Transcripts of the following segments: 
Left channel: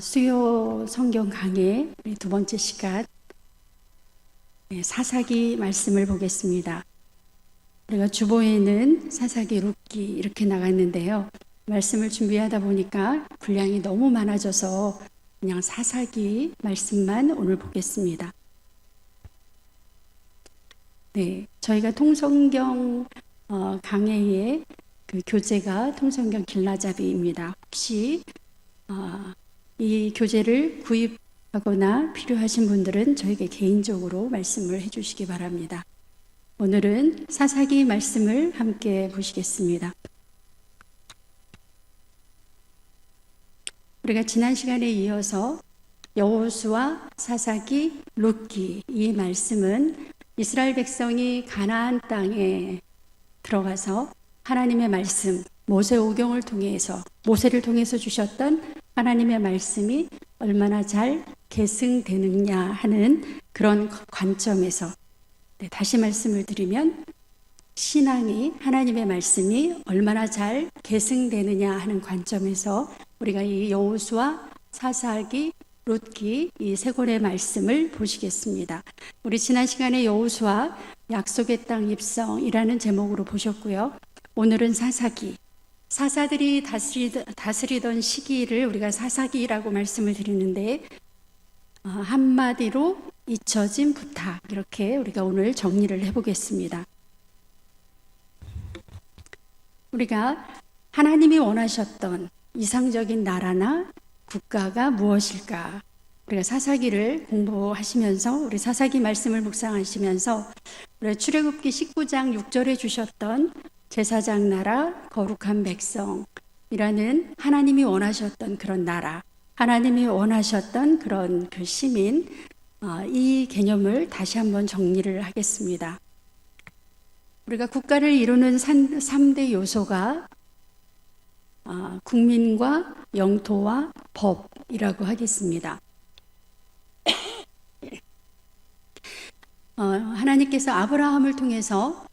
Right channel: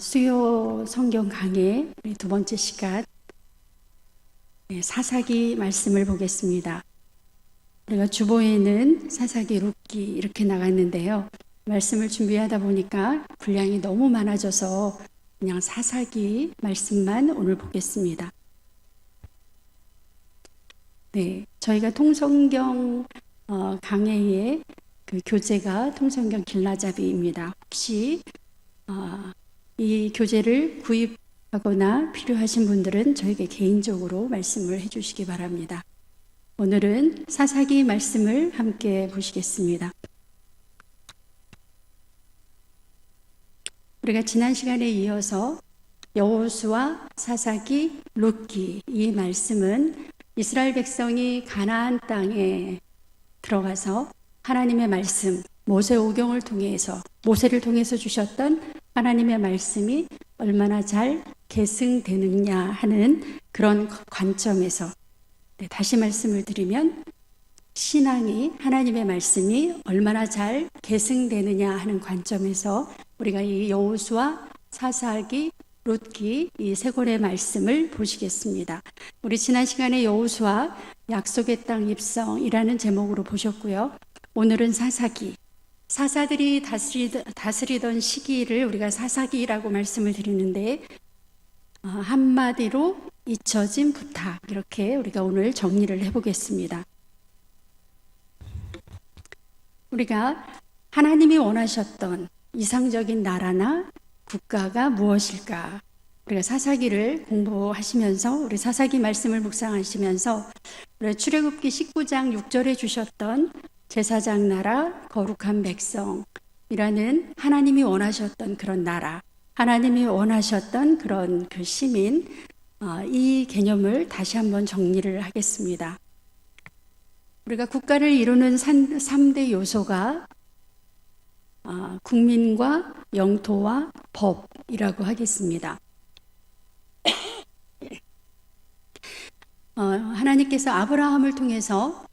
수요 성경 강의 두 번째 시간 사사기 말씀을 보겠습니다. 우리가 주보에는 사사기, 룻기 이렇게 나갔는데요. 말씀을 준비하다 보니까 분량이 너무 많아져서 그냥 사사기 말씀만 오늘 보겠습니다. 저희가 통성경 강해의 그 교재가 통성경 길라잡이입니다. 혹시 이 교재를 구입하거나 필요하신 분들은 저에게 개인적으로 말씀을 해주시기 바랍니다. 오늘은 사사기 말씀을 함께 보시겠습니다. 우리가 지난 시간에 이어서 여호수아, 사사기, 룻기 이 말씀은 이스라엘 백성이 가나안 땅에 들어가서 하나님의 말씀, 모세오경을 통해서 모세를 통해서 주셨던 하나님의 말씀이 얼마나 잘 계승되느냐 하는 그런 관점에서 다시 말씀을 드리면 신앙이 하나님의 말씀이 얼마나 잘 계승되느냐 하는 관점에서 우리가 이 여호수아, 사사기, 룻기 이 세 권의 말씀을 보시겠습니다. 우리 지난 시간에 여호수아 약속의 땅 입성이라는 제목으로 보셨고요. 오늘은 사사기, 사사들이 다스리던 시기를 우리가 사사기라고 말씀을 드리는데 한마디로 잊혀진 부탁, 이렇게 우리가 오늘 정리를 해보겠습니다. 우리가 하나님이 원하셨던 이상적인 나라나 국가가 무엇일까? 우리가 사사기를 공부하시면서 우리 사사기 말씀을 묵상하시면서 우리 출애굽기 19장 6절에 주셨던 제사장 나라, 거룩한 백성이라는 하나님이 원하셨던 그런 나라, 하나님이 원하셨던 그런 그 시민, 이 개념을 다시 한번 정리를 하겠습니다. 우리가 국가를 이루는 3대 요소가 국민과 영토와 법이라고 하겠습니다. 하나님께서 아브라함을 통해서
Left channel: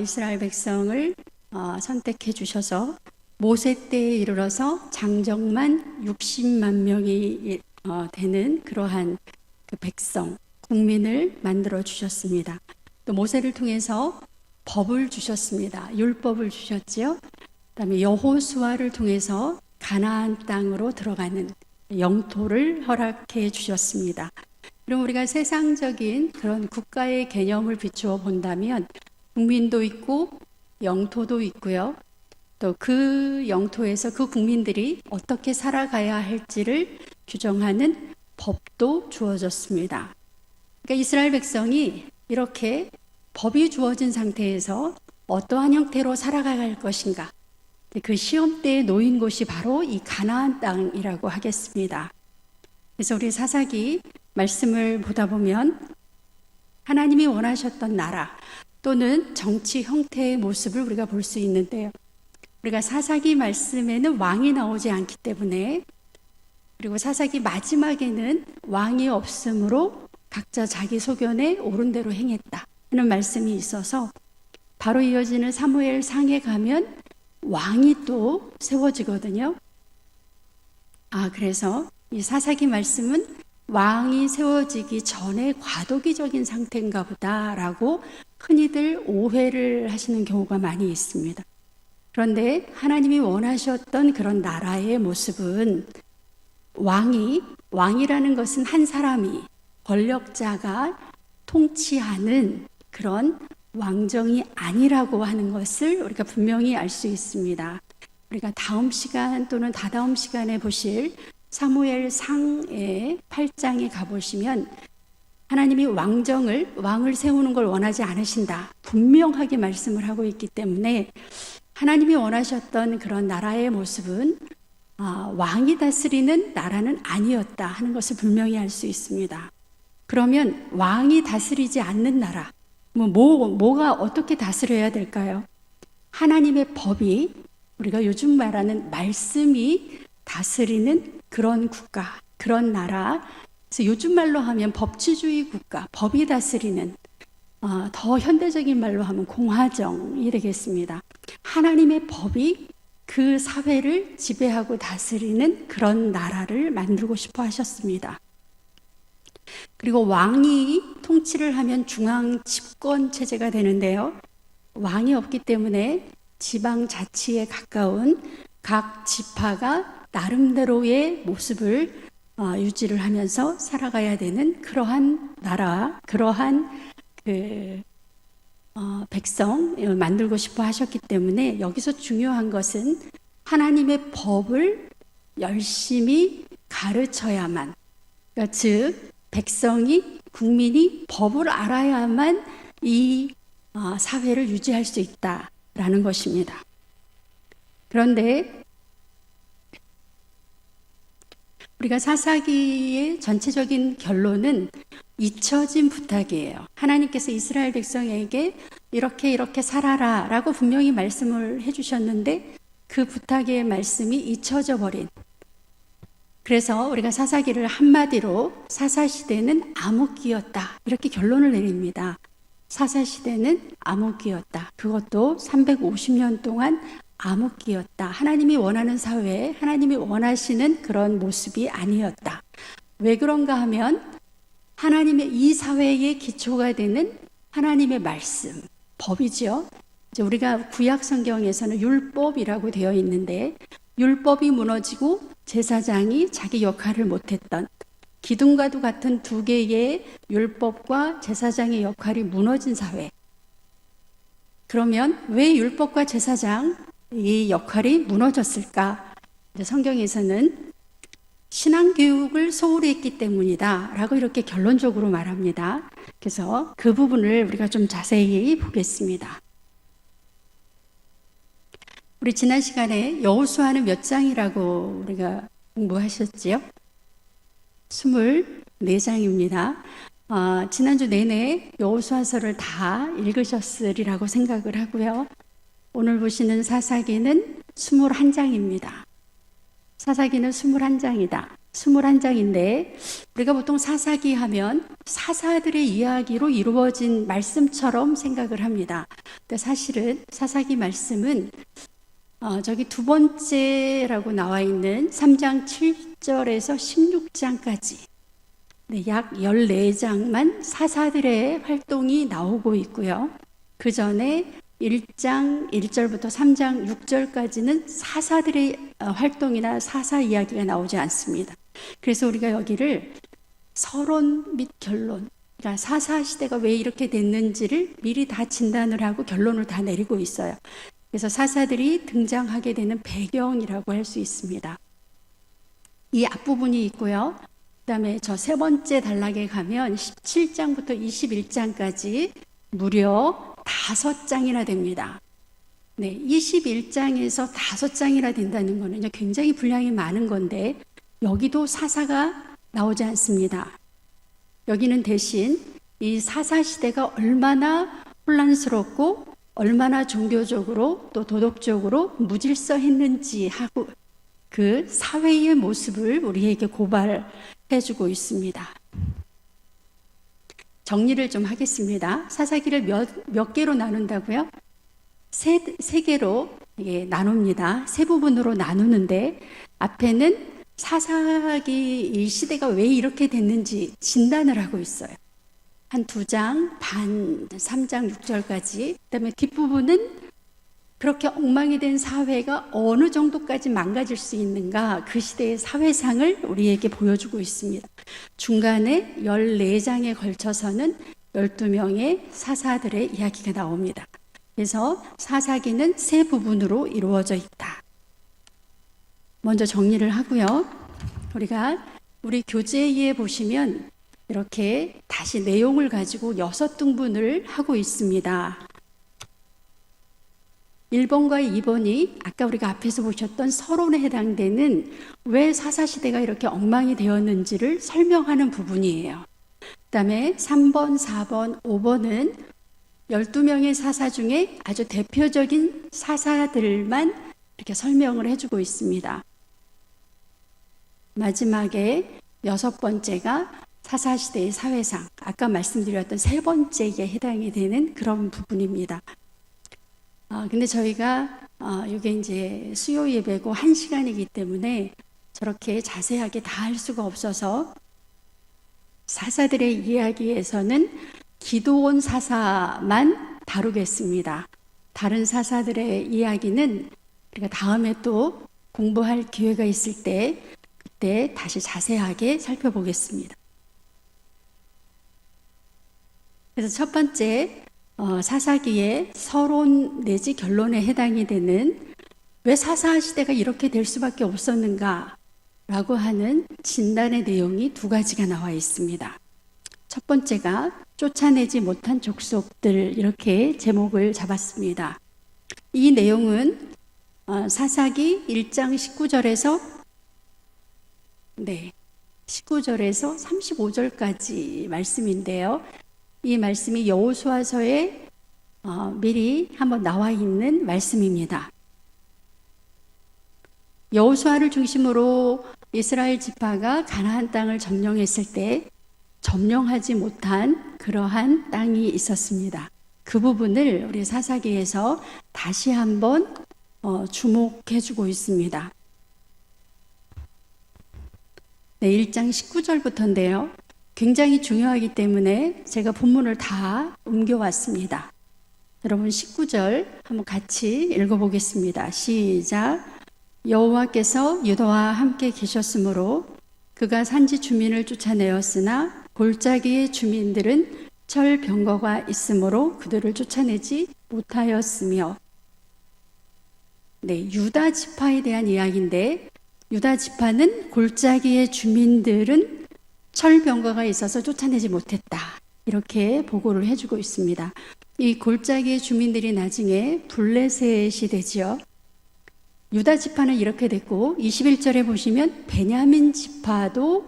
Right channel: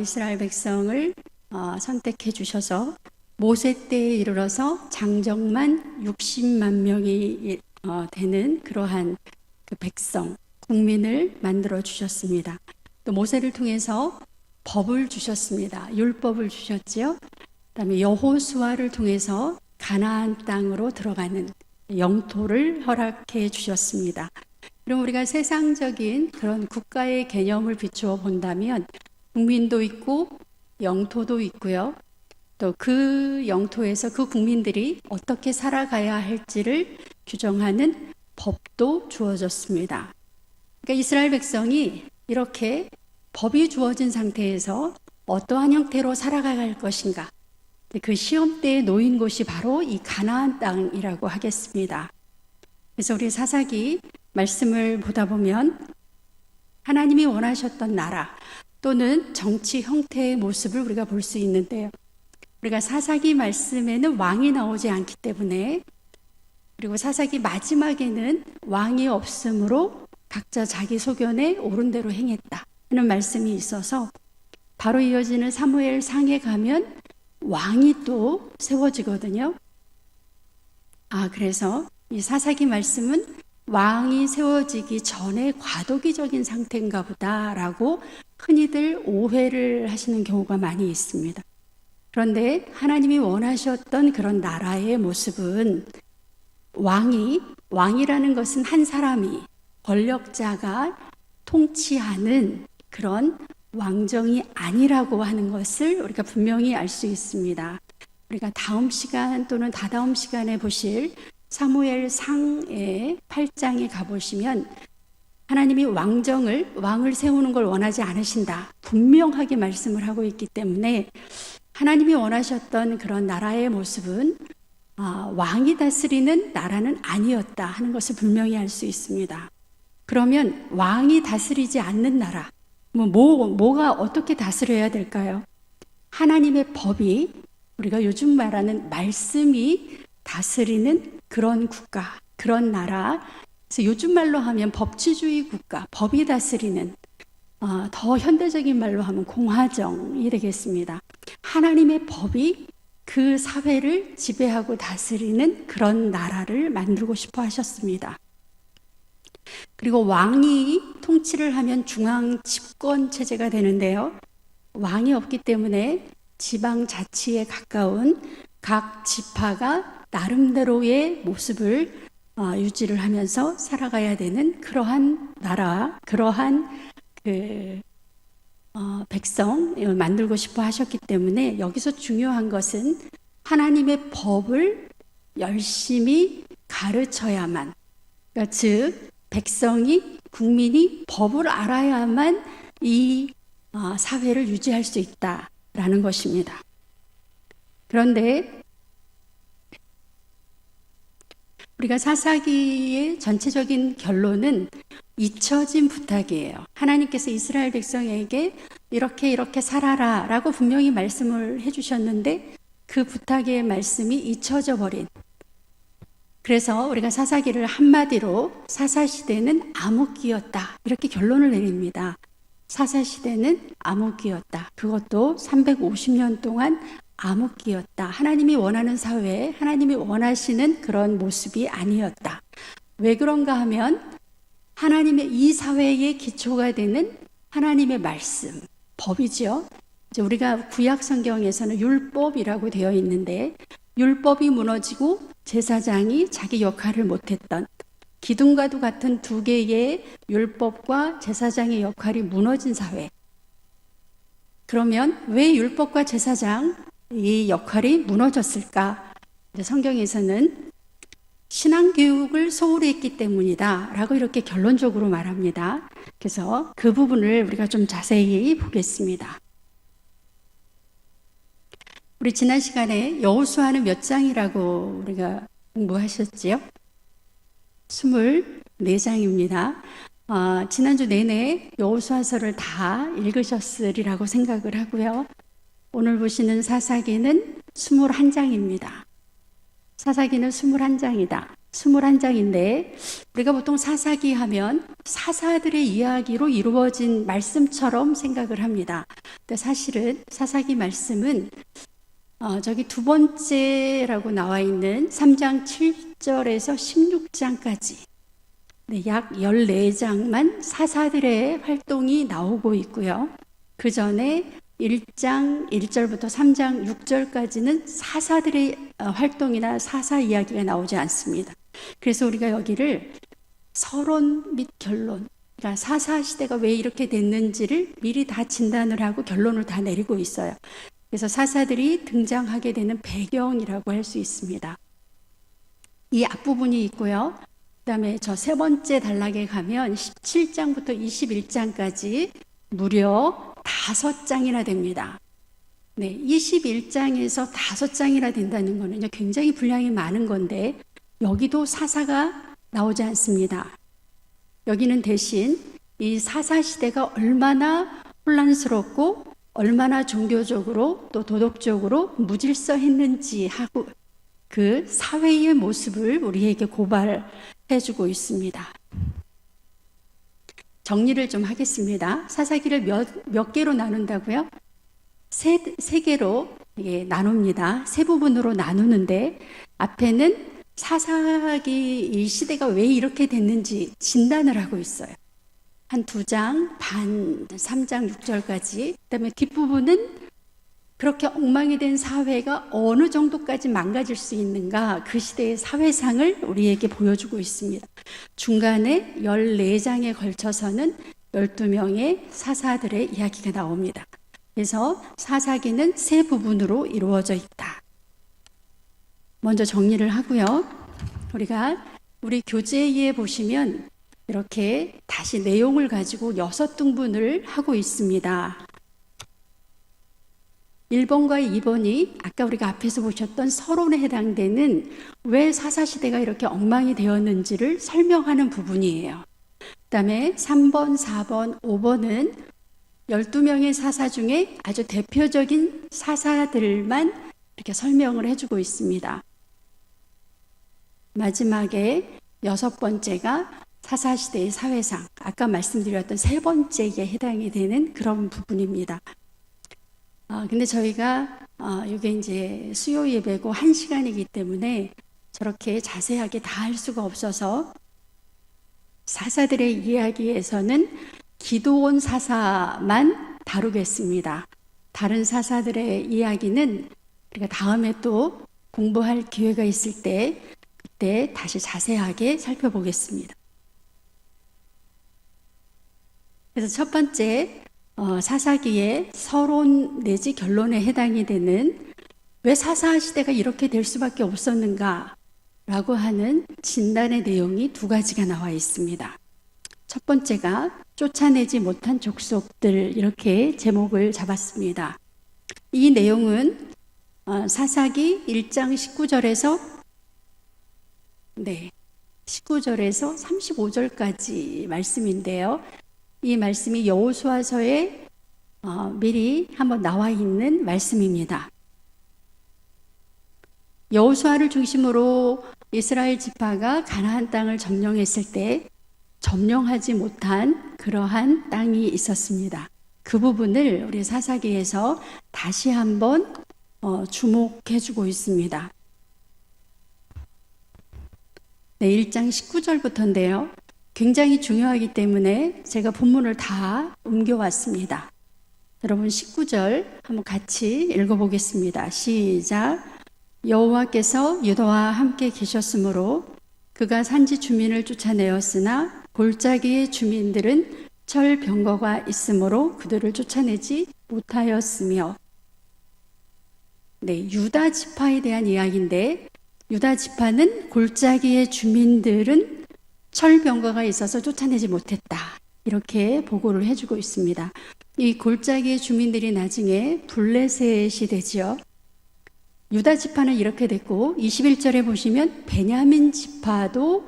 이스라엘 백성을 선택해 주셔서 모세 때에 이르러서 장정만 60만 명이 되는 그러한 그 백성, 국민을 만들어 주셨습니다. 또 모세를 통해서 법을 주셨습니다. 율법을 주셨지요. 그다음에 여호수아를 통해서 가나안 땅으로 들어가는 영토를 허락해 주셨습니다. 그럼 우리가 세상적인 그런 국가의 개념을 비추어 본다면 국민도 있고 영토도 있고요. 또 그 영토에서 그 국민들이 어떻게 살아가야 할지를 규정하는 법도 주어졌습니다. 그러니까 이스라엘 백성이 이렇게 법이 주어진 상태에서 어떠한 형태로 살아가야 할 것인가, 그 시험대에 놓인 곳이 바로 이 가나안 땅이라고 하겠습니다. 그래서 우리 사사기 말씀을 보다 보면 하나님이 원하셨던 나라 또는 정치 형태의 모습을 우리가 볼 수 있는데요. 우리가 사사기 말씀에는 왕이 나오지 않기 때문에, 그리고 사사기 마지막에는 왕이 없으므로 각자 자기 소견에 옳은 대로 행했다 하는 말씀이 있어서 바로 이어지는 사무엘 상에 가면 왕이 또 세워지거든요. 그래서 이 사사기 말씀은 왕이 세워지기 전에 과도기적인 상태인가 보다라고 흔히들 오해를 하시는 경우가 많이 있습니다. 그런데 하나님이 원하셨던 그런 나라의 모습은 왕이라는 것은 한 사람이, 권력자가 통치하는 그런 왕정이 아니라고 하는 것을 우리가 분명히 알 수 있습니다. 우리가 다음 시간 또는 다다음 시간에 보실 사무엘 상의 8장에 가보시면 하나님이 왕을 세우는 걸 원하지 않으신다 분명하게 말씀을 하고 있기 때문에 하나님이 원하셨던 그런 나라의 모습은 왕이 다스리는 나라는 아니었다 하는 것을 분명히 알 수 있습니다. 그러면 왕이 다스리지 않는 나라, 뭐가 어떻게 다스려야 될까요? 하나님의 법이, 우리가 요즘 말하는 말씀이 다스리는 그런 국가, 그런 나라. 그래서 요즘 말로 하면 법치주의 국가, 법이 다스리는, 더 현대적인 말로 하면 공화정이 되겠습니다. 하나님의 법이 그 사회를 지배하고 다스리는 그런 나라를 만들고 싶어 하셨습니다. 그리고 왕이 통치를 하면 중앙 집권 체제가 되는데요. 왕이 없기 때문에 지방 자치에 가까운 각 지파가 나름대로의 모습을 유지를 하면서 살아가야 되는 그러한 나라, 그러한 백성을 만들고 싶어 하셨기 때문에 여기서 중요한 것은 하나님의 법을 열심히 가르쳐야만, 그러니까 즉 백성이, 국민이 법을 알아야만 이 사회를 유지할 수 있다라는 것입니다. 그런데 우리가 사사기의 전체적인 결론은 잊혀진 부탁이에요. 하나님께서 이스라엘 백성에게 이렇게 살아라 라고 분명히 말씀을 해주셨는데 그 부탁의 말씀이 잊혀져 버린, 그래서 우리가 사사기를 한마디로 사사시대는 암흑기였다 이렇게 결론을 내립니다. 사사시대는 암흑기였다. 그것도 350년 동안 암흑기였다. 하나님이 원하는 사회에 하나님이 원하시는 그런 모습이 아니었다. 왜 그런가 하면 하나님의 이 사회의 기초가 되는 하나님의 말씀, 법이죠. 이제 우리가 구약 성경에서는 율법이라고 되어 있는데 율법이 무너지고 제사장이 자기 역할을 못했던, 기둥과도 같은 두 개의 율법과 제사장의 역할이 무너진 사회. 그러면 왜 율법과 제사장 이 역할이 무너졌을까? 성경에서는 신앙교육을 소홀히 했기 때문이다 라고 이렇게 결론적으로 말합니다. 그래서 그 부분을 우리가 좀 자세히 보겠습니다. 우리 지난 시간에 여호수아는 몇 장이라고 우리가 공부하셨지요? 24장입니다. 지난주 내내 여호수아서를 다 읽으셨으리라고 생각을 하고요. 오늘 보시는 사사기는 21장입니다. 사사기는 21장이다. 21장인데 우리가 보통 사사기 하면 사사들의 이야기로 이루어진 말씀처럼 생각을 합니다. 근데 사실은 사사기 말씀은 저기 두 번째라고 나와 있는 3장 7절에서 16장까지 약 14장만 사사들의 활동이 나오고 있고요. 그 전에 1장 1절부터 3장 6절까지는 사사들의 활동이나 사사 이야기가 나오지 않습니다. 그래서 우리가 여기를 서론 및 결론, 그러니까 사사 시대가 왜 이렇게 됐는지를 미리 다 진단을 하고 결론을 다 내리고 있어요. 그래서 사사들이 등장하게 되는 배경이라고 할 수 있습니다. 이 앞부분이 있고요. 그 다음에 저 세 번째 단락에 가면 17장부터 21장까지 무려 5장이나 됩니다. 네, 21장에서 5장이나 된다는 것은 굉장히 분량이 많은 건데 여기도 사사가 나오지 않습니다. 여기는 대신 이 사사 시대가 얼마나 혼란스럽고 얼마나 종교적으로 또 도덕적으로 무질서했는지 하고 그 사회의 모습을 우리에게 고발해주고 있습니다. 정리를 좀 하겠습니다. 사사기를 몇 개로 나눈다고요? 세 개로 나눕니다. 세 부분으로 나누는데 앞에는 사사기 이 시대가 왜 이렇게 됐는지 진단을 하고 있어요. 한 2장 반, 3장 6절까지. 그다음에 뒷부분은 그렇게 엉망이 된 사회가 어느 정도까지 망가질 수 있는가, 그 시대의 사회상을 우리에게 보여주고 있습니다. 중간에 14장에 걸쳐서는 12명의 사사들의 이야기가 나옵니다. 그래서 사사기는 세 부분으로 이루어져 있다. 먼저 정리를 하고요. 우리 교재에 보시면 이렇게 다시 내용을 가지고 6등분을 하고 있습니다. 1번과 2번이 아까 우리가 앞에서 보셨던 서론에 해당되는 왜 사사시대가 이렇게 엉망이 되었는지를 설명하는 부분이에요. 그 다음에 3번, 4번, 5번은 12명의 사사 중에 아주 대표적인 사사들만 이렇게 설명을 해주고 있습니다. 마지막에 6번째가 사사시대의 사회상, 아까 말씀드렸던 세 번째에 해당이 되는 그런 부분입니다. 근데 저희가 이게 이제 수요 예배고 1시간이기 때문에 저렇게 자세하게 다 할 수가 없어서 사사들의 이야기에서는 기드온 사사만 다루겠습니다. 다른 사사들의 이야기는 우리가 다음에 또 공부할 기회가 있을 때 그때 다시 자세하게 살펴보겠습니다. 그래서 첫 번째 사사기의 서론 내지 결론에 해당이 되는 왜 사사 시대가 이렇게 될 수밖에 없었는가 라고 하는 진단의 내용이 두 가지가 나와 있습니다. 첫 번째가 쫓아내지 못한 족속들, 이렇게 제목을 잡았습니다. 이 내용은 사사기 1장 19절에서 19절에서 35절까지 말씀인데요. 이 말씀이 여호수아서에 미리 한번 나와 있는 말씀입니다. 여호수아를 중심으로 이스라엘 지파가 가나안 땅을 점령했을 때 점령하지 못한 그러한 땅이 있었습니다. 그 부분을 우리 사사기에서 다시 한번 주목해주고 있습니다. 1장 19절부터인데요. 굉장히 중요하기 때문에 제가 본문을 다 옮겨왔습니다. 여러분 19절 한번 같이 읽어보겠습니다. 시작. 여호와께서 유다와 함께 계셨으므로 그가 산지 주민을 쫓아내었으나 골짜기의 주민들은 철 병거가 있으므로 그들을 쫓아내지 못하였으며. 유다 지파에 대한 이야기인데 유다 지파는 골짜기의 주민들은 철 병거가 있어서 쫓아내지 못했다. 이렇게 보고를 해주고 있습니다. 이 골짜기의 주민들이 나중에 블레셋이 되지요. 유다 지파는 이렇게 됐고 21절에 보시면 베냐민 지파도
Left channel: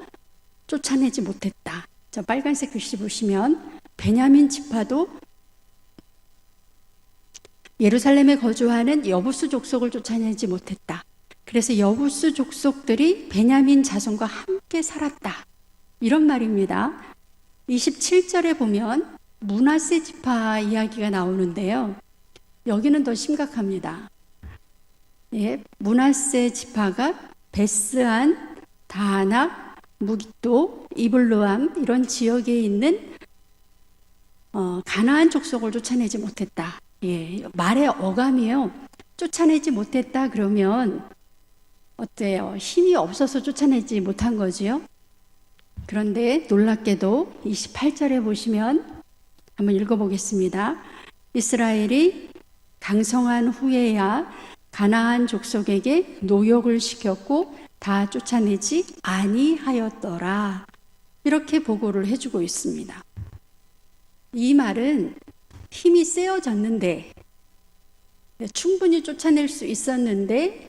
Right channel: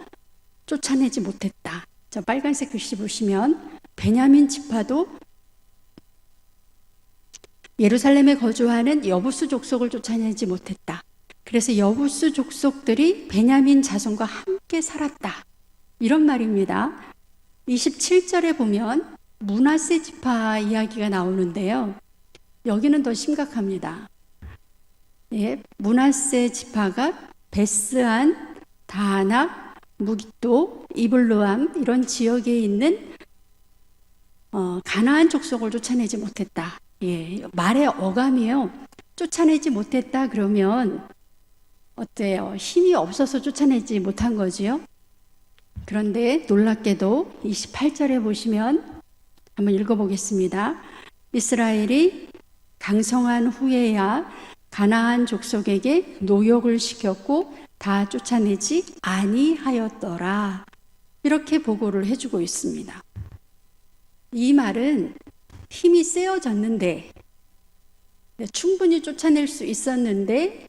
쫓아내지 못했다. 저 빨간색 글씨 보시면 베냐민 지파도 예루살렘에 거주하는 여부수 족속을 쫓아내지 못했다. 그래서 여부수 족속들이 베냐민 자손과 함께 살았다. 이런 말입니다. 27절에 보면 므낫세 지파 이야기가 나오는데요. 여기는 더 심각합니다. 므낫세 지파가 베스안, 다하나, 무깃도, 이블로암 이런 지역에 있는 가나안 족속을 쫓아내지 못했다. 말의 어감이요. 쫓아내지 못했다 그러면 어때요? 힘이 없어서 쫓아내지 못한 거지요. 그런데 놀랍게도 28절에 보시면 한번 읽어보겠습니다. 이스라엘이 강성한 후에야 가나안 족속에게 노역을 시켰고 다 쫓아내지 아니하였더라. 이렇게 보고를 해주고 있습니다. 이 말은 힘이 세어졌는데 충분히 쫓아낼 수 있었는데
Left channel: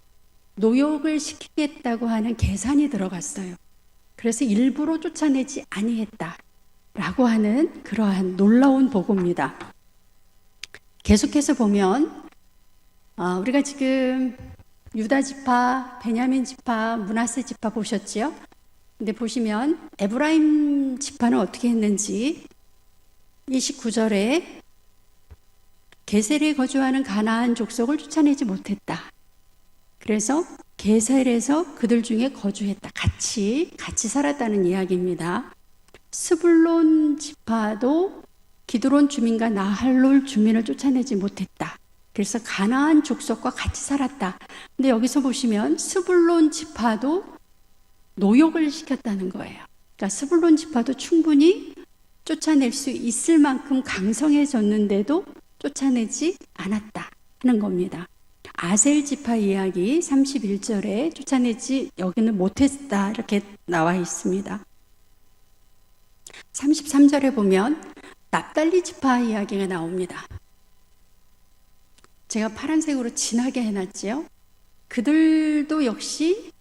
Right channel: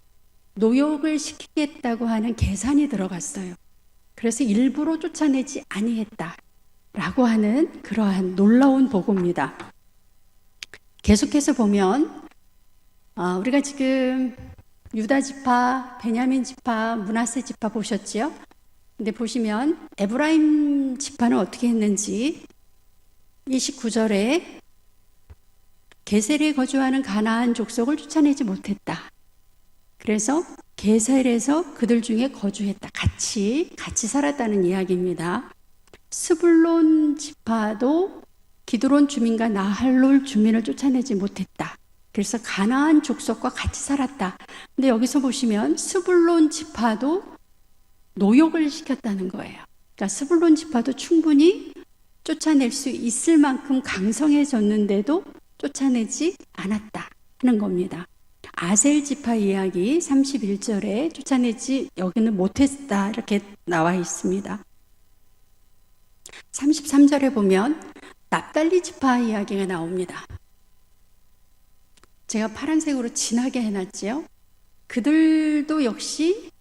노역을 시키겠다고 하는 계산이 들어갔어요. 그래서 일부러 쫓아내지 아니했다 라고 하는 그러한 놀라운 보고입니다. 계속해서 보면 우리가 지금 유다 지파, 베냐민 지파, 므낫세 지파 보셨죠? 근데 보시면 에브라임 지파는 어떻게 했는지 29절에 게셀에 거주하는 가나안 족속을 쫓아내지 못했다. 그래서 게셀에서 그들 중에 거주했다. 같이 살았다는 이야기입니다. 스불론 지파도 기드론 주민과 나할롤 주민을 쫓아내지 못했다. 그래서 가나안 족속과 같이 살았다. 근데 여기서 보시면 스불론 지파도 노역을 시켰다는 거예요. 그러니까 스불론 지파도 충분히 쫓아낼 수 있을 만큼 강성해졌는데도 쫓아내지 않았다 하는 겁니다. 아셀 지파 이야기 31절에 쫓아내지 여기는 못했다 이렇게 나와 있습니다. 33절에 보면 납달리 지파 이야기가 나옵니다. 제가 파란색으로 진하게 해놨지요. 그들도 역시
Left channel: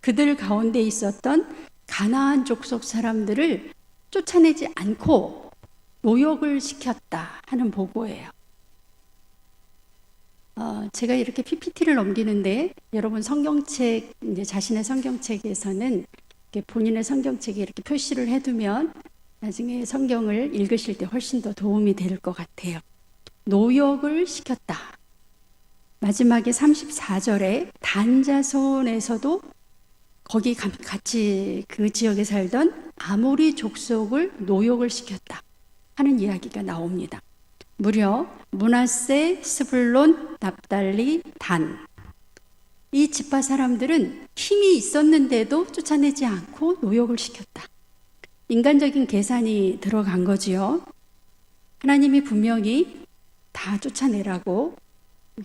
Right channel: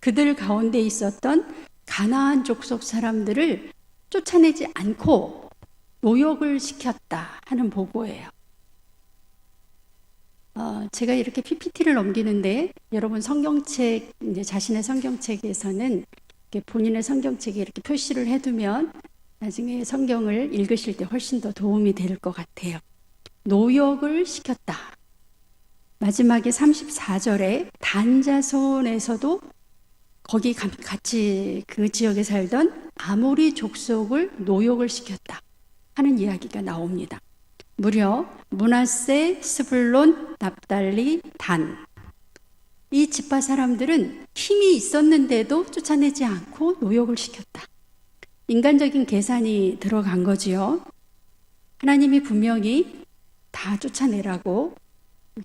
그들 가운데 있었던 가나안 족속 사람들을 쫓아내지 않고 노역을 시켰다 하는 보고예요. 제가 이렇게 PPT를 넘기는데 여러분 성경책, 이제 자신의 성경책에서는 이렇게 본인의 성경책에 이렇게 표시를 해두면 나중에 성경을 읽으실 때 훨씬 더 도움이 될 것 같아요. 노역을 시켰다. 마지막에 34절에 단 자손에서도 거기 같이 그 지역에 살던 아모리 족속을 노역을 시켰다 하는 이야기가 나옵니다. 무려 므낫세, 스불론, 납달리, 단, 이 지파 사람들은 힘이 있었는데도 쫓아내지 않고 노역을 시켰다. 인간적인 계산이 들어간 거지요. 하나님이 분명히 다 쫓아내라고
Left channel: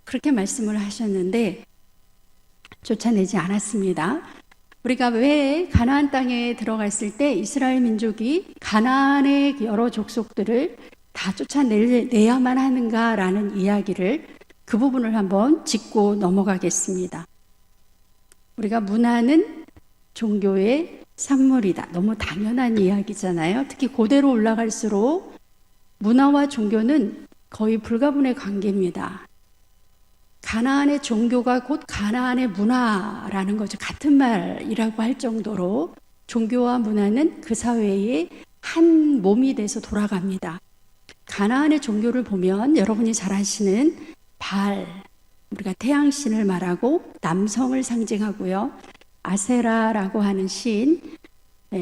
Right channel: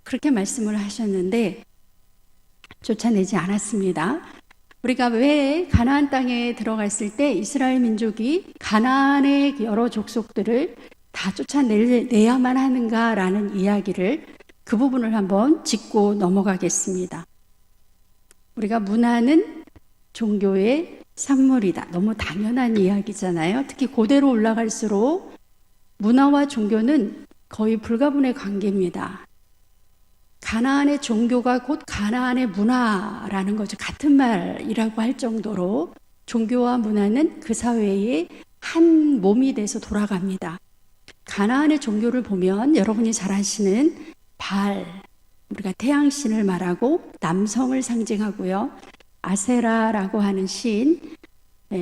그렇게 말씀을 하셨는데 쫓아내지 않았습니다. 우리가 왜 가나안 땅에 들어갔을 때 이스라엘 민족이 가나안의 여러 족속들을 다 쫓아내야만 하는가라는 이야기를 그 부분을 한번 짚고 넘어가겠습니다. 우리가 문화는 종교의 산물이다. 너무 당연한 이야기잖아요. 특히 고대로 올라갈수록 문화와 종교는 거의 불가분의 관계입니다. 가나안의 종교가 곧 가나안의 문화라는 거죠. 같은 말이라고 할 정도로 종교와 문화는 그 사회의 한 몸이 돼서 돌아갑니다. 가나안의 종교를 보면 여러분이 잘 아시는 바알, 우리가 태양신을 말하고 남성을 상징하고요. 아세라라고 하는 신,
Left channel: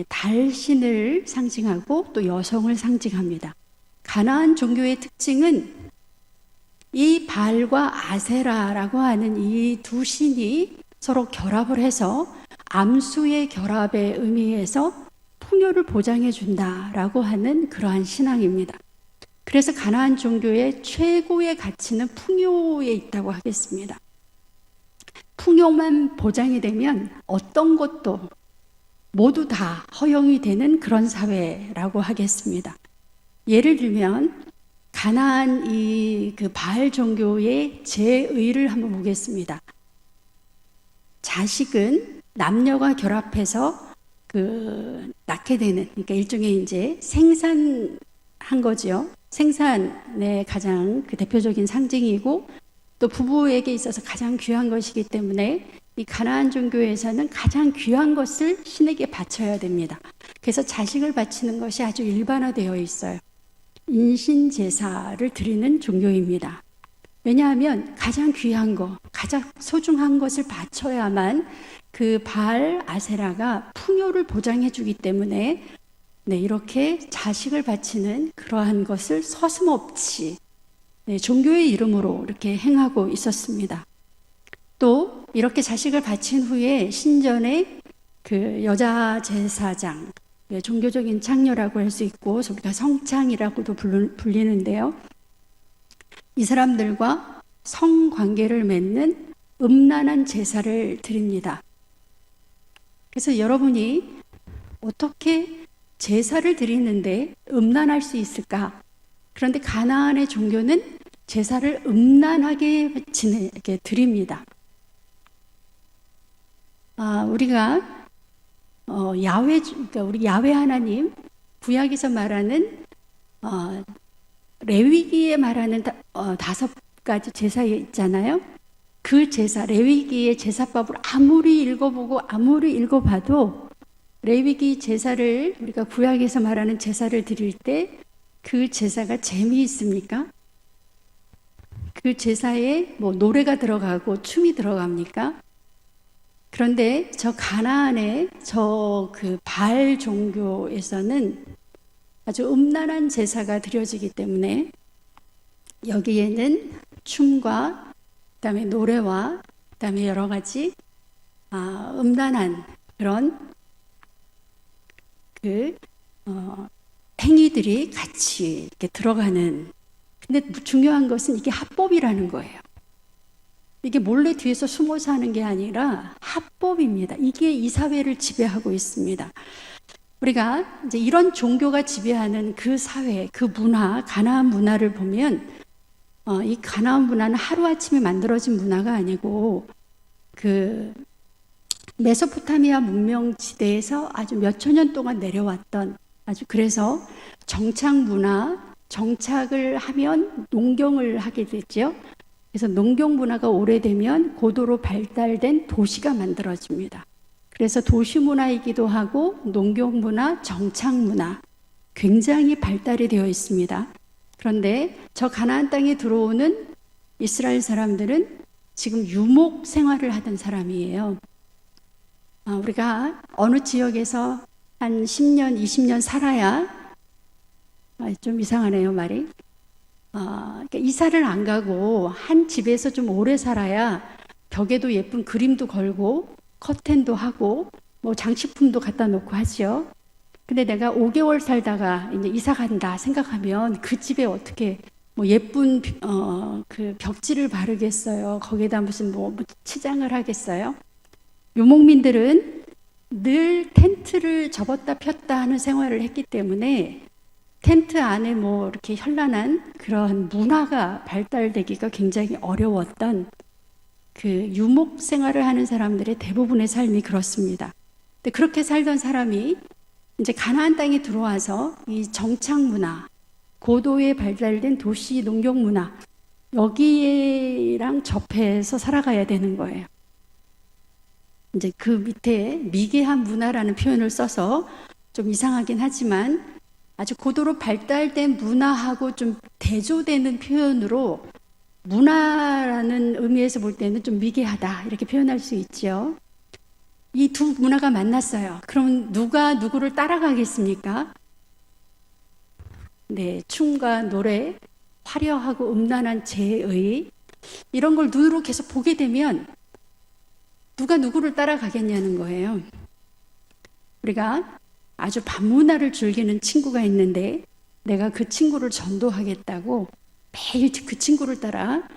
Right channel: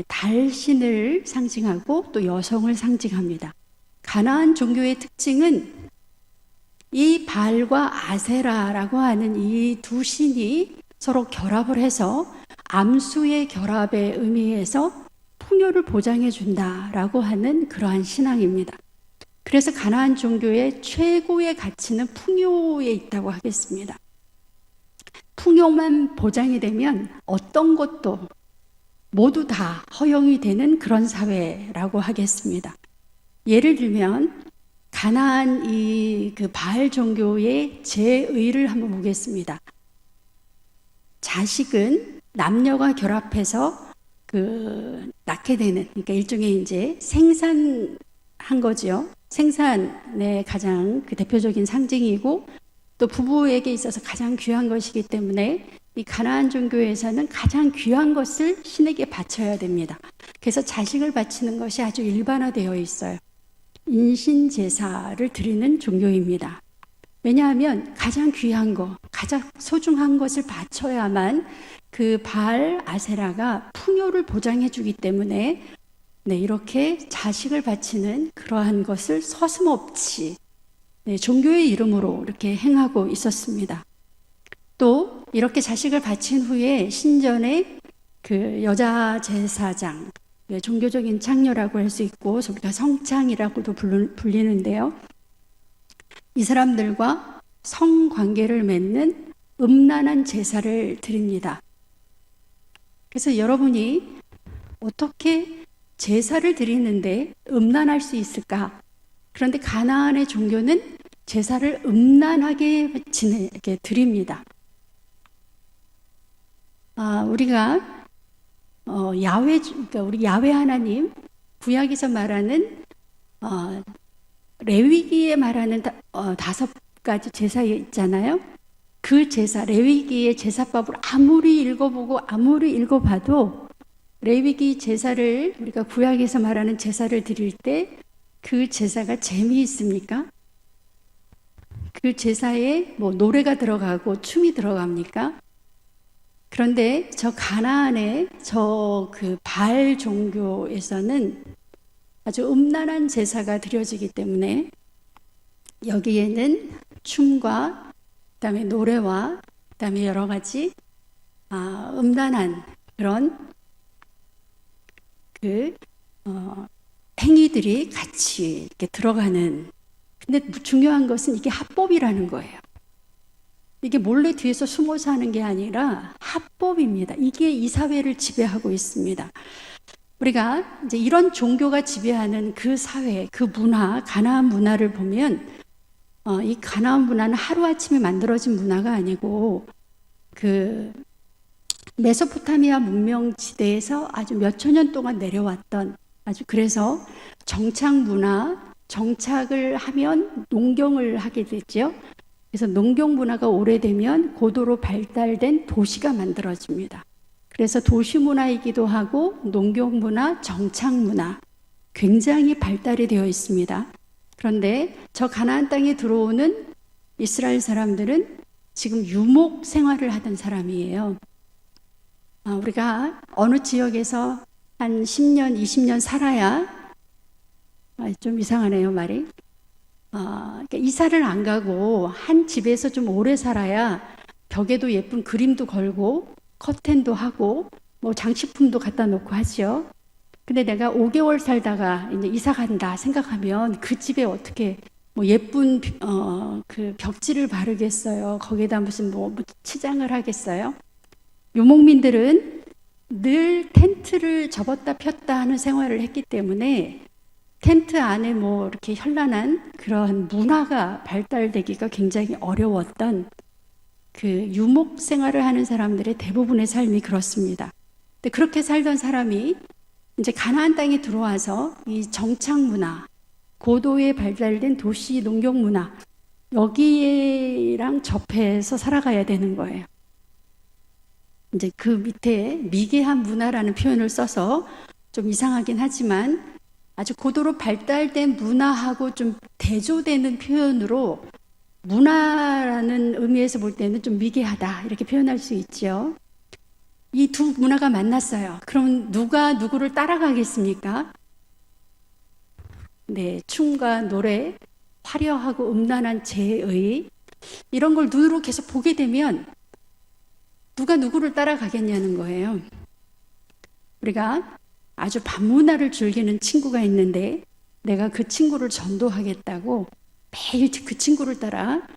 달신을 상징하고 또 여성을 상징합니다. 가나안 종교의 특징은 이 바알과 아세라라고 하는 이 두 신이 서로 결합을 해서 암수의 결합에 의미해서 풍요를 보장해 준다라고 하는 그러한 신앙입니다. 그래서 가나안 종교의 최고의 가치는 풍요에 있다고 하겠습니다. 풍요만 보장이 되면 어떤 것도 모두 다 허용이 되는 그런 사회라고 하겠습니다. 예를 들면 가나안 그 바알 종교의 제의를 한번 보겠습니다. 자식은 남녀가 결합해서 낳게 되는, 그러니까 일종의 이제 생산한 거죠. 생산의 가장 대표적인 상징이고 또 부부에게 있어서 가장 귀한 것이기 때문에 이 가나안 종교에서는 가장 귀한 것을 신에게 바쳐야 됩니다. 그래서 자식을 바치는 것이 아주 일반화되어 있어요. 인신 제사를 드리는 종교입니다. 왜냐하면 가장 귀한 것, 가장 소중한 것을 바쳐야만 그 바알 아세라가 풍요를 보장해 주기 때문에 이렇게 자식을 바치는 그러한 것을 서슴없이 종교의 이름으로 이렇게 행하고 있었습니다. 또 이렇게 자식을 바친 후에 신전에 그 여자 제사장, 종교적인 창녀라고 할 수 있고 우리가 성창이라고도 불리는데요. 이 사람들과 성관계를 맺는 음란한 제사를 드립니다. 그래서 여러분이 어떻게 제사를 드리는데 음란할 수 있을까? 그런데 가나안의 종교는 제사를 음란하게 이렇게 드립니다. 우리가 그러니까 우리 야훼 하나님 구약에서 말하는 레위기에 말하는 5가지 제사 있잖아요. 그 제사, 레위기의 제사법을 아무리 읽어봐도 레위기 제사를 우리가 구약에서 말하는 제사를 드릴 때 그 제사가 재미있습니까? 그 제사에 노래가 들어가고 춤이 들어갑니까? 그런데 저 가나안의 그 바알 종교에서는 아주 음란한 제사가 드려지기 때문에 여기에는 춤과 그다음에 노래와 그다음에 여러 가지 음란한 그런 행위들이 같이 이렇게 들어가는. 근데 중요한 것은 이게 합법이라는 거예요. 이게 몰래 뒤에서 숨어서 하는 게 아니라 합법입니다. 이게 이 사회를 지배하고 있습니다. 우리가 이제 이런 종교가 지배하는 그 사회, 그 문화, 가나안 문화를 보면 이 가나안 문화는 하루아침에 만들어진 문화가 아니고 그 메소포타미아 문명지대에서 아주 몇천 년 동안 내려왔던 그래서 정착 문화, 정착을 하면 농경을 하게 됐죠. 그래서 농경 문화가 오래되면 고도로 발달된 도시가 만들어집니다. 그래서 도시 문화이기도 하고 농경 문화, 정착 문화 굉장히 발달이 되어 있습니다. 그런데 저 가나안 땅에 들어오는 이스라엘 사람들은 지금 유목 생활을 하던 사람이에요. 우리가 어느 지역에서 한 10년, 20년 살아야, 좀 이상하네요, 말이. 그러니까 이사를 안 가고 한 집에서 좀 오래 살아야 벽에도 예쁜 그림도 걸고 커튼도 하고 뭐 장식품도 갖다 놓고 하죠. 근데 내가 5개월 살다가 이제 이사 간다 생각하면 그 집에 어떻게 뭐 예쁜 그 벽지를 바르겠어요? 거기다 무슨 뭐 치장을 하겠어요? 유목민들은 늘 텐트를 접었다 폈다 하는 생활을 했기 때문에 텐트 안에 뭐 이렇게 현란한 그런 문화가 발달되기가 굉장히 어려웠던 그 유목 생활을 하는 사람들의 대부분의 삶이 그렇습니다. 근데 그렇게 살던 사람이 이제 가나안 땅에 들어와서 이 정착 문화, 고도에 발달된 도시 농경 문화, 여기랑 접해서 살아가야 되는 거예요. 이제 그 밑에 미개한 문화라는 표현을 써서 좀 이상하긴 하지만 아주 고도로 발달된 문화하고 좀 대조되는 표현으로 문화라는 의미에서 볼 때는 좀 미개하다 이렇게 표현할 수 있죠. 이 두 문화가 만났어요. 그럼 누가 누구를 따라가겠습니까? 네, 춤과 노래, 화려하고 음란한 제의 이런 걸 눈으로 계속 보게 되면 누가 누구를 따라가겠냐는 거예요. 우리가 아주 반문화를 즐기는 친구가 있는데 내가 그 친구를 전도하겠다고 매일 그 친구를 따라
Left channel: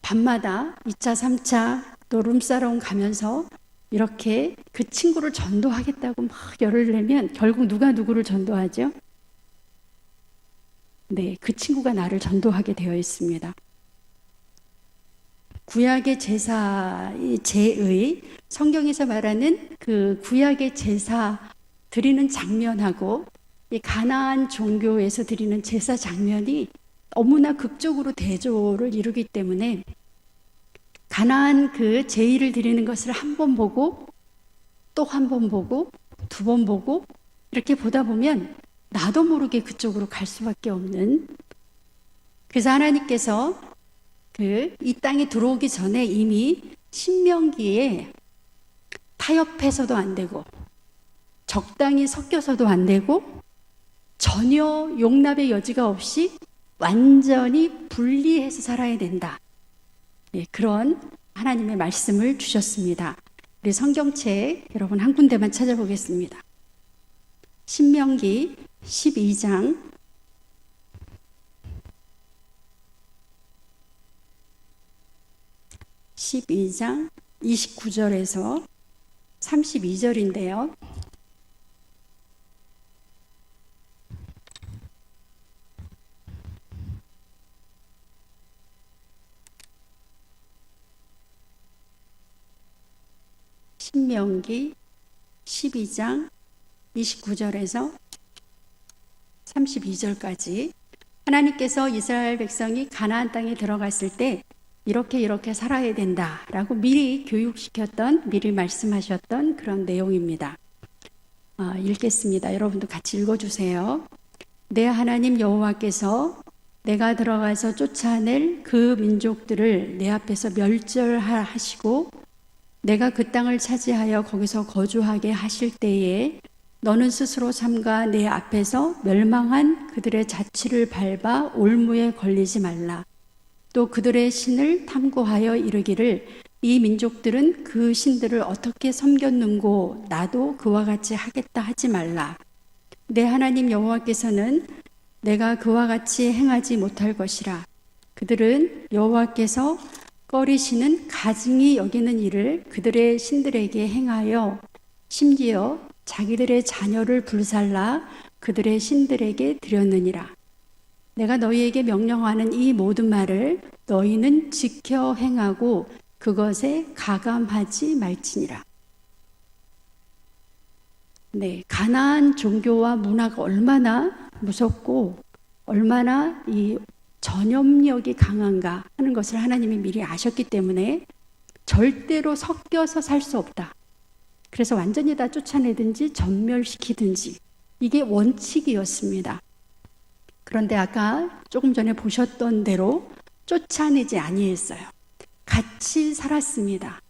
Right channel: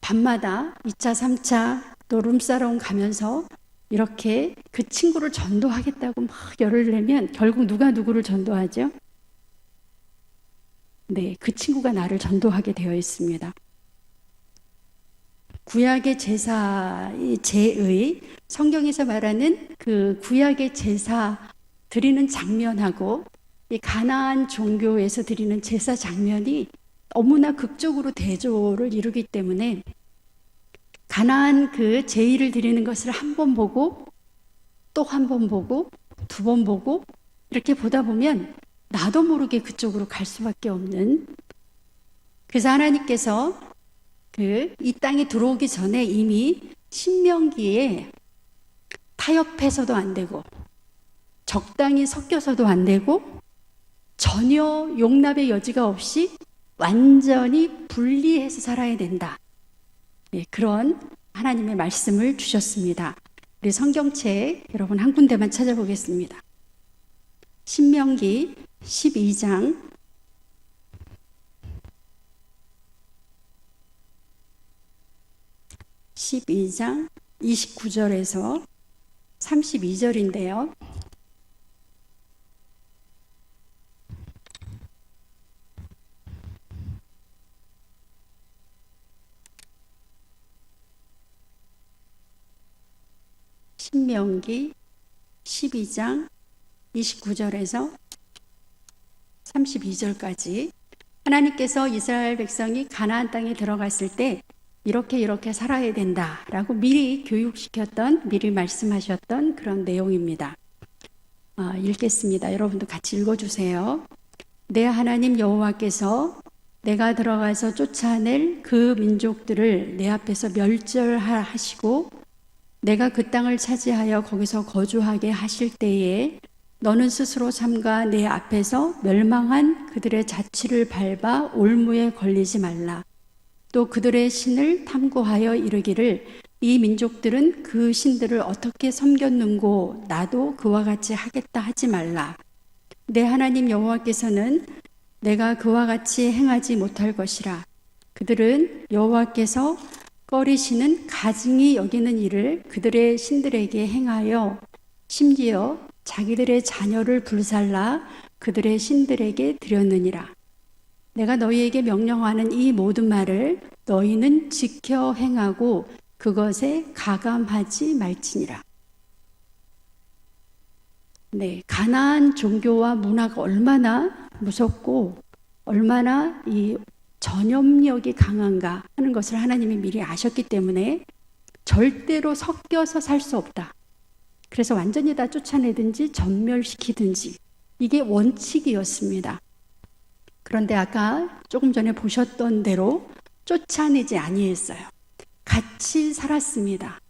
밤마다 2차, 3차 또 룸사롱 가면서 이렇게 그 친구를 전도하겠다고 막 열을 내면 결국 누가 누구를 전도하죠? 네, 그 친구가 나를 전도하게 되어 있습니다. 구약의 제사의 제의, 성경에서 말하는 그 구약의 제사 드리는 장면하고 이 가나안 종교에서 드리는 제사 장면이 너무나 극적으로 대조를 이루기 때문에 가나안 그 제의를 드리는 것을 한 번 보고 또 한 번 보고 두 번 보고 이렇게 보다 보면 나도 모르게 그쪽으로 갈 수밖에 없는, 그래서 하나님께서 이 땅에 들어오기 전에 이미 신명기에 타협해서도 안 되고 적당히 섞여서도 안 되고 전혀 용납의 여지가 없이 완전히 분리해서 살아야 된다. 네, 그런 하나님의 말씀을 주셨습니다. 우리 성경책 여러분 한 군데만 찾아보겠습니다. 신명기 12장 29절에서 32절인데요. 신명기 12장 29절에서 32절까지 하나님께서 이스라엘 백성이 가나안 땅에 들어갔을 때 이렇게 살아야 된다라고 미리 교육시켰던, 미리 말씀하셨던 그런 내용입니다. 읽겠습니다. 여러분도 같이 읽어주세요. 내 하나님 여호와께서 내가 들어가서 쫓아낼 그 민족들을 내 앞에서 멸절하시고 내가 그 땅을 차지하여 거기서 거주하게 하실 때에 너는 스스로 삼가 내 앞에서 멸망한 그들의 자취를 밟아 올무에 걸리지 말라. 또 그들의 신을 탐구하여 이르기를 이 민족들은 그 신들을 어떻게 섬겼는고 나도 그와 같이 하겠다 하지 말라. 내 하나님 여호와께서는 내가 그와 같이 행하지 못할 것이라. 그들은 여호와께서 꺼리시는 가증히 여기는 일을 그들의 신들에게 행하여 심지어 자기들의 자녀를 불살라 그들의 신들에게 드렸느니라. 내가 너희에게 명령하는 이 모든 말을 너희는 지켜 행하고 그것에 가감하지 말지니라. 네, 가나안 종교와 문화가 얼마나 무섭고 얼마나 이 전염력이 강한가 하는 것을 하나님이 미리 아셨기 때문에 절대로 섞여서 살 수 없다. 그래서 완전히 다 쫓아내든지 전멸시키든지 이게 원칙이었습니다. 그런데 아까 조금 전에 보셨던 대로 쫓아내지 아니했어요. 같이 살았습니다.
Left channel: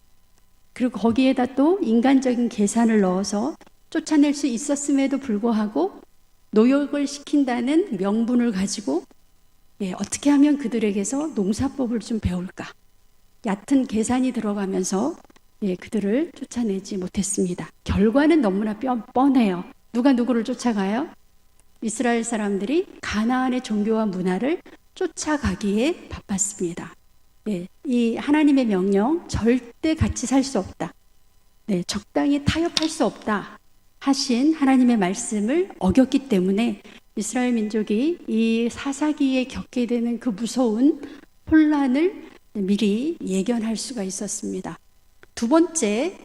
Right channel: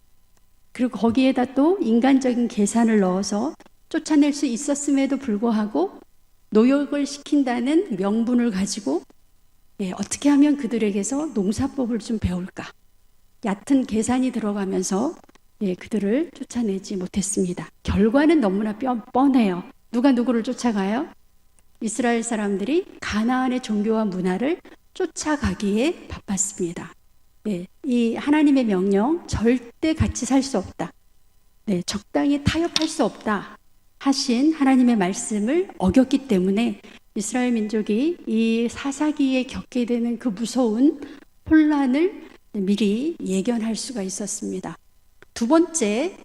그리고 거기에다 또 인간적인 계산을 넣어서 쫓아낼 수 있었음에도 불구하고 노역을 시킨다는 명분을 가지고 어떻게 하면 그들에게서 농사법을 좀 배울까? 얕은 계산이 들어가면서 그들을 쫓아내지 못했습니다. 결과는 너무나 뻔해요. 누가 누구를 쫓아가요? 이스라엘 사람들이 가나안의 종교와 문화를 쫓아가기에 바빴습니다. 이 하나님의 명령, 절대 같이 살 수 없다. 적당히 타협할 수 없다 하신 하나님의 말씀을 어겼기 때문에 이스라엘 민족이 이 사사기에 겪게 되는 그 무서운 혼란을 미리 예견할 수가 있었습니다. 두 번째,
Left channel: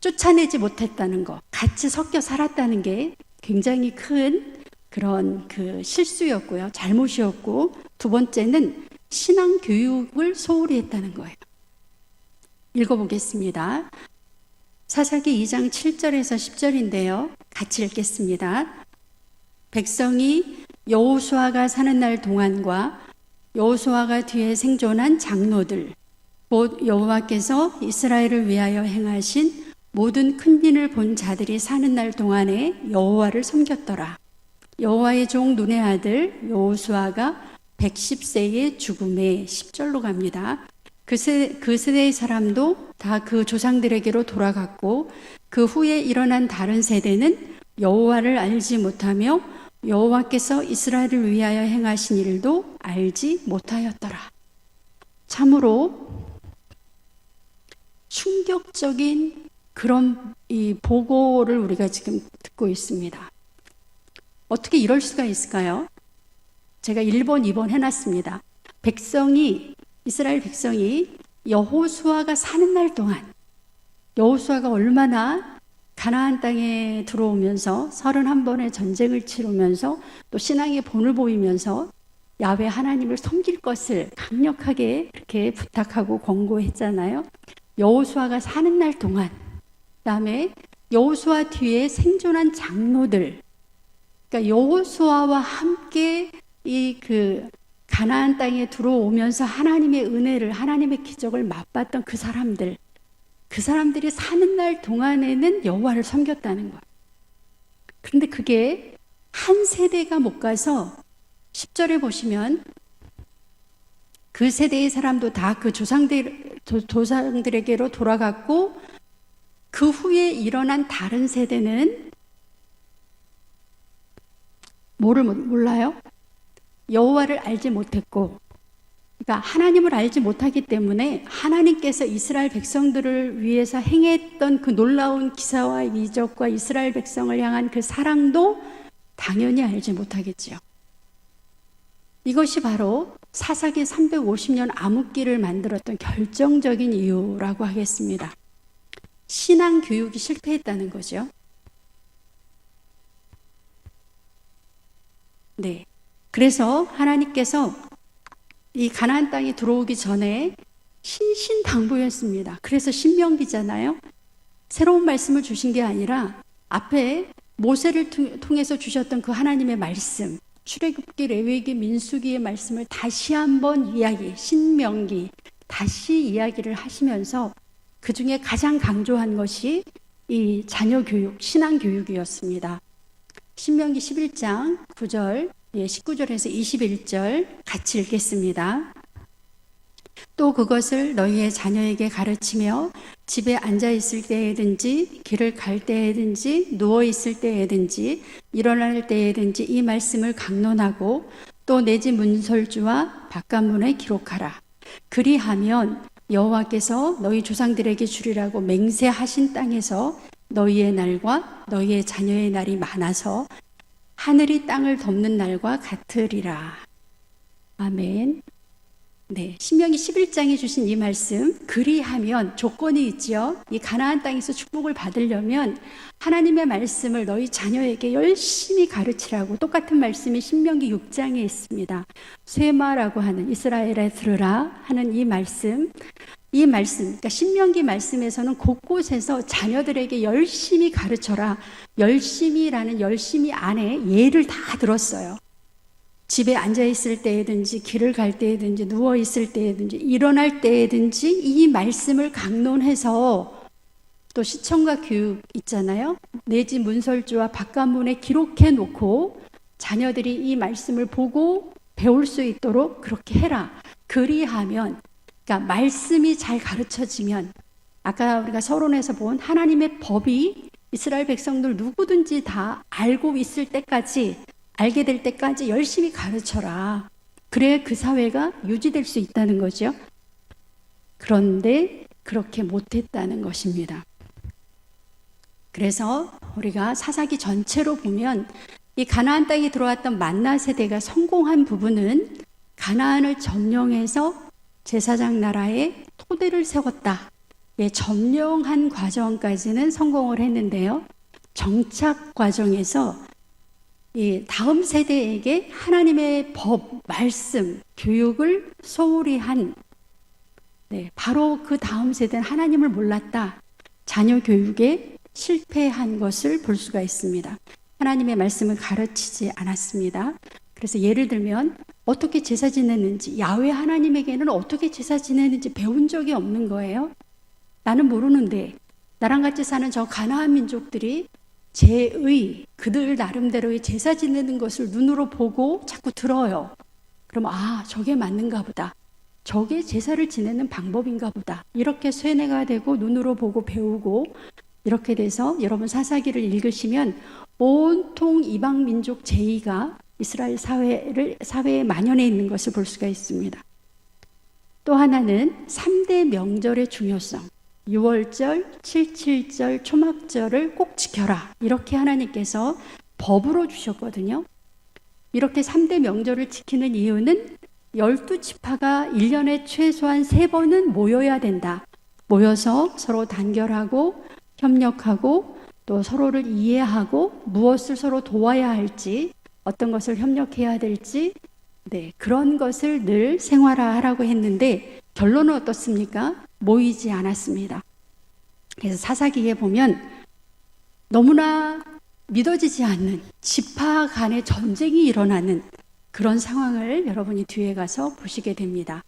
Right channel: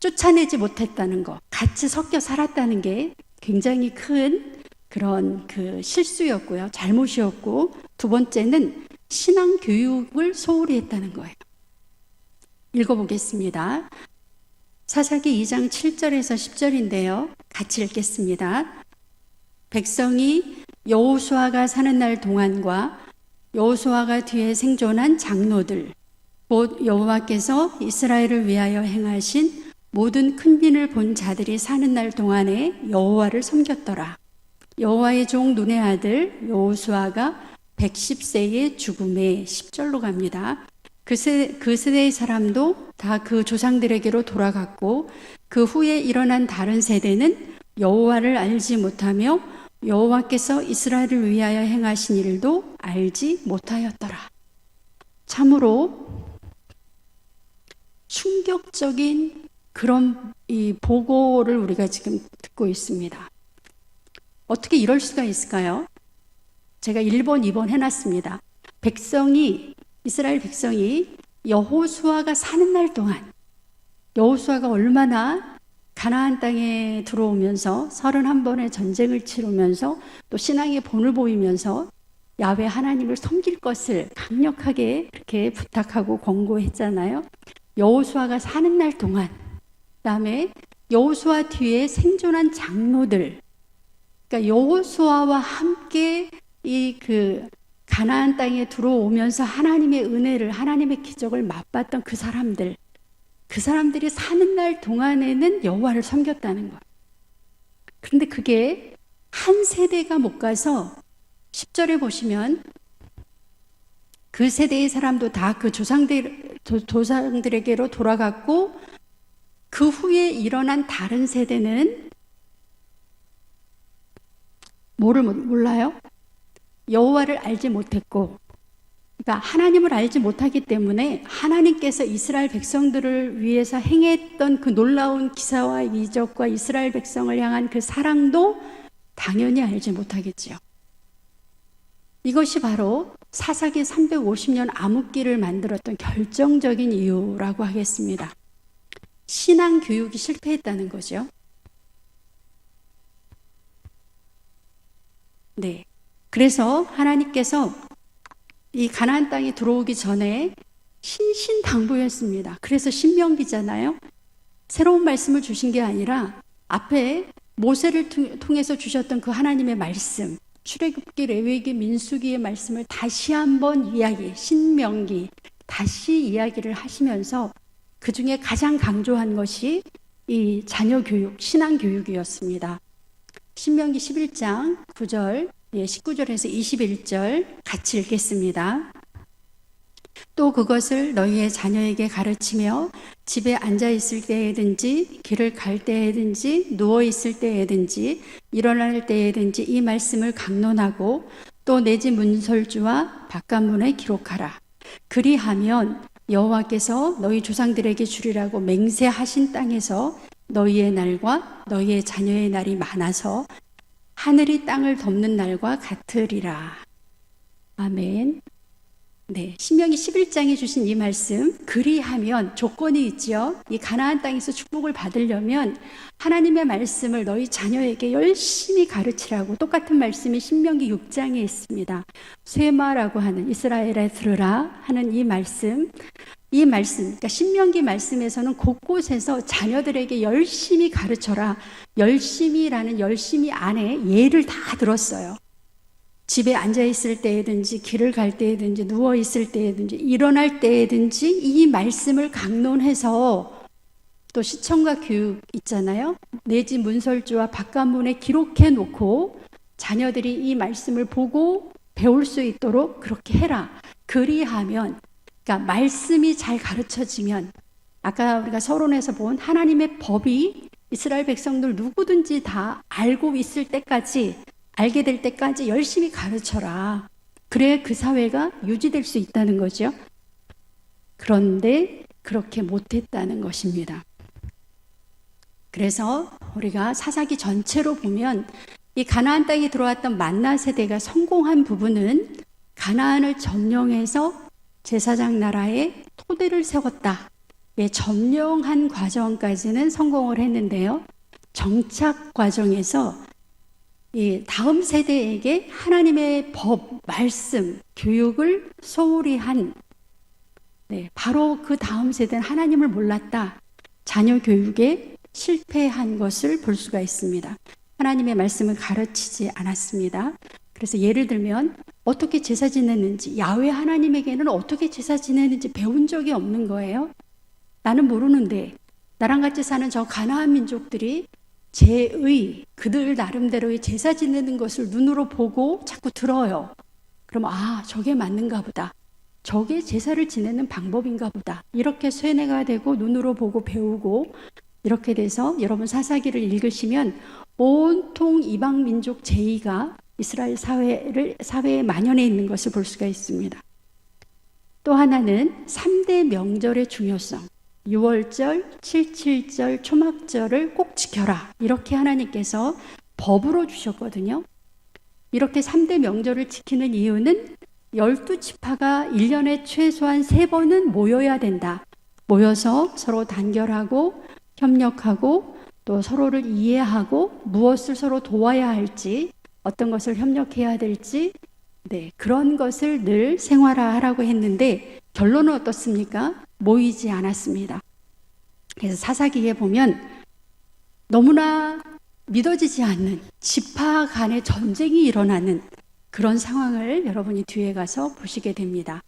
쫓아내지 못했다는 것, 같이 섞여 살았다는 게 굉장히 큰 그런 그 실수였고요. 잘못이었고, 두 번째는 신앙 교육을 소홀히 했다는 거예요. 읽어보겠습니다. 사사기 2장 7절에서 10절인데요. 같이 읽겠습니다. 백성이 여호수아가 사는 날 동안과 여호수아가 뒤에 생존한 장로들, 곧 여호와께서 이스라엘을 위하여 행하신 모든 큰 일을 본 자들이 사는 날 동안에 여호와를 섬겼더라. 여호와의 종 눈의 아들 여호수아가 110세의 죽음에 10절로 갑니다. 그 세대의 사람도 다 그 조상들에게로 돌아갔고 그 후에 일어난 다른 세대는 여호와를 알지 못하며 여호와께서 이스라엘을 위하여 행하신 일도 알지 못하였더라. 참으로 충격적인 그런 이 보고를 우리가 지금 듣고 있습니다. 어떻게 이럴 수가 있을까요? 제가 1번, 2번 해놨습니다. 이스라엘 백성이 여호수아가 사는 날 동안, 여호수아가 얼마나 가나안 땅에 들어오면서 31번의 전쟁을 치르면서 또 신앙의 본을 보이면서 야훼 하나님을 섬길 것을 강력하게 그렇게 부탁하고 권고했잖아요. 여호수아가 사는 날 동안, 그다음에 여호수아 뒤에 생존한 장로들, 그러니까 여호수아와 함께 이 가나안 땅에 들어오면서 하나님의 은혜를, 하나님의 기적을 맛봤던 그 사람들이 사는 날 동안에는 여호와를 섬겼다는 거예요. 그런데 그게 한 세대가 못 가서 10절에 보시면 그 세대의 사람도 다 그 조상들에게로 돌아갔고 그 후에 일어난 다른 세대는 뭐를 몰라요? 여호와를 알지 못했고, 그러니까 하나님을 알지 못하기 때문에 하나님께서 이스라엘 백성들을 위해서 행했던 그 놀라운 기사와 이적과 이스라엘 백성을 향한 그 사랑도 당연히 알지 못하겠지요. 이것이 바로 사사기 350년 암흑기를 만들었던 결정적인 이유라고 하겠습니다. 신앙 교육이 실패했다는 거죠. 그래서 하나님께서 이 가나안 땅에 들어오기 전에 신신당부였습니다. 그래서 신명기잖아요. 새로운 말씀을 주신 게 아니라 앞에 모세를 통해서 주셨던 그 하나님의 말씀, 출애굽기, 레위기, 민수기의 말씀을 다시 한번 신명기 다시 이야기를 하시면서 그 중에 가장 강조한 것이 이 자녀 교육, 신앙 교육이었습니다. 신명기 11장 9절, 19절에서 21절 같이 읽겠습니다. 또 그것을 너희의 자녀에게 가르치며 집에 앉아 있을 때에든지 길을 갈 때에든지 누워 있을 때에든지 일어날 때에든지 이 말씀을 강론하고 또 내 집 문설주와 바깥문에 기록하라. 그리하면 여호와께서 너희 조상들에게 주리라고 맹세하신 땅에서 너희의 날과 너희의 자녀의 날이 많아서 하늘이 땅을 덮는 날과 같으리라. 아멘. 신명기 11장에 주신 이 말씀, 그리하면 조건이 있지요. 이 가나안 땅에서 축복을 받으려면 하나님의 말씀을 너희 자녀에게 열심히 가르치라고, 똑같은 말씀이 신명기 6장에 있습니다. 쇠마라고 하는, 이스라엘에 들으라 하는 이 말씀, 그러니까 신명기 말씀에서는 곳곳에서 자녀들에게 열심히 가르쳐라, 열심히라는 열심히 안에 예를 다 들었어요. 집에 앉아 있을 때든지 길을 갈 때든지 누워 있을 때든지 일어날 때든지 이 말씀을 강론해서 또 시청과 교육 있잖아요. 내 집 문설주와 바깥문에 기록해 놓고 자녀들이 이 말씀을 보고 배울 수 있도록 그렇게 해라. 그리하면, 그러니까 말씀이 잘 가르쳐지면, 아까 우리가 서론에서 본 하나님의 법이 이스라엘 백성들 누구든지 다 알고 있을 때까지, 알게 될 때까지 열심히 가르쳐라. 그래야 그 사회가 유지될 수 있다는 거죠. 그런데 그렇게 못했다는 것입니다. 그래서 우리가 사사기 전체로 보면 이 가나안 땅에 들어왔던 만나 세대가 성공한 부분은 가나안을 점령해서 제사장 나라의 토대를 세웠다. 예, 점령한 과정까지는 성공을 했는데요. 정착 과정에서 다음 세대에게 하나님의 법, 말씀, 교육을 소홀히 한, 바로 그 다음 세대는 하나님을 몰랐다. 자녀 교육에 실패한 것을 볼 수가 있습니다. 하나님의 말씀을 가르치지 않았습니다. 그래서 예를 들면 어떻게 제사 지내는지, 야훼 하나님에게는 어떻게 제사 지내는지 배운 적이 없는 거예요. 나는 모르는데 나랑 같이 사는 저 가나안 민족들이 그들 나름대로의 제사 지내는 것을 눈으로 보고 자꾸 들어요. 그럼 저게 맞는가 보다. 저게 제사를 지내는 방법인가 보다. 이렇게 쇠뇌가 되고 눈으로 보고 배우고 이렇게 돼서 여러분 사사기를 읽으시면 온통 이방 민족 제의가 이스라엘 사회에 만연해 있는 것을 볼 수가 있습니다. 또 하나는 3대 명절의 중요성. 6월절, 77절, 초막절을 꼭 지켜라. 이렇게 하나님께서 법으로 주셨거든요. 이렇게 3대 명절을 지키는 이유는 12지파가 1년에 최소한 3번은 모여야 된다. 모여서 서로 단결하고 협력하고 또 서로를 이해하고 무엇을 서로 도와야 할지, 어떤 것을 협력해야 될지, 그런 것을 늘 생활화하라고 했는데 결론은 어떻습니까? 모이지 않았습니다. 그래서 사사기에 보면 너무나 믿어지지 않는 지파 간의 전쟁이 일어나는 그런 상황을 여러분이 뒤에 가서 보시게 됩니다.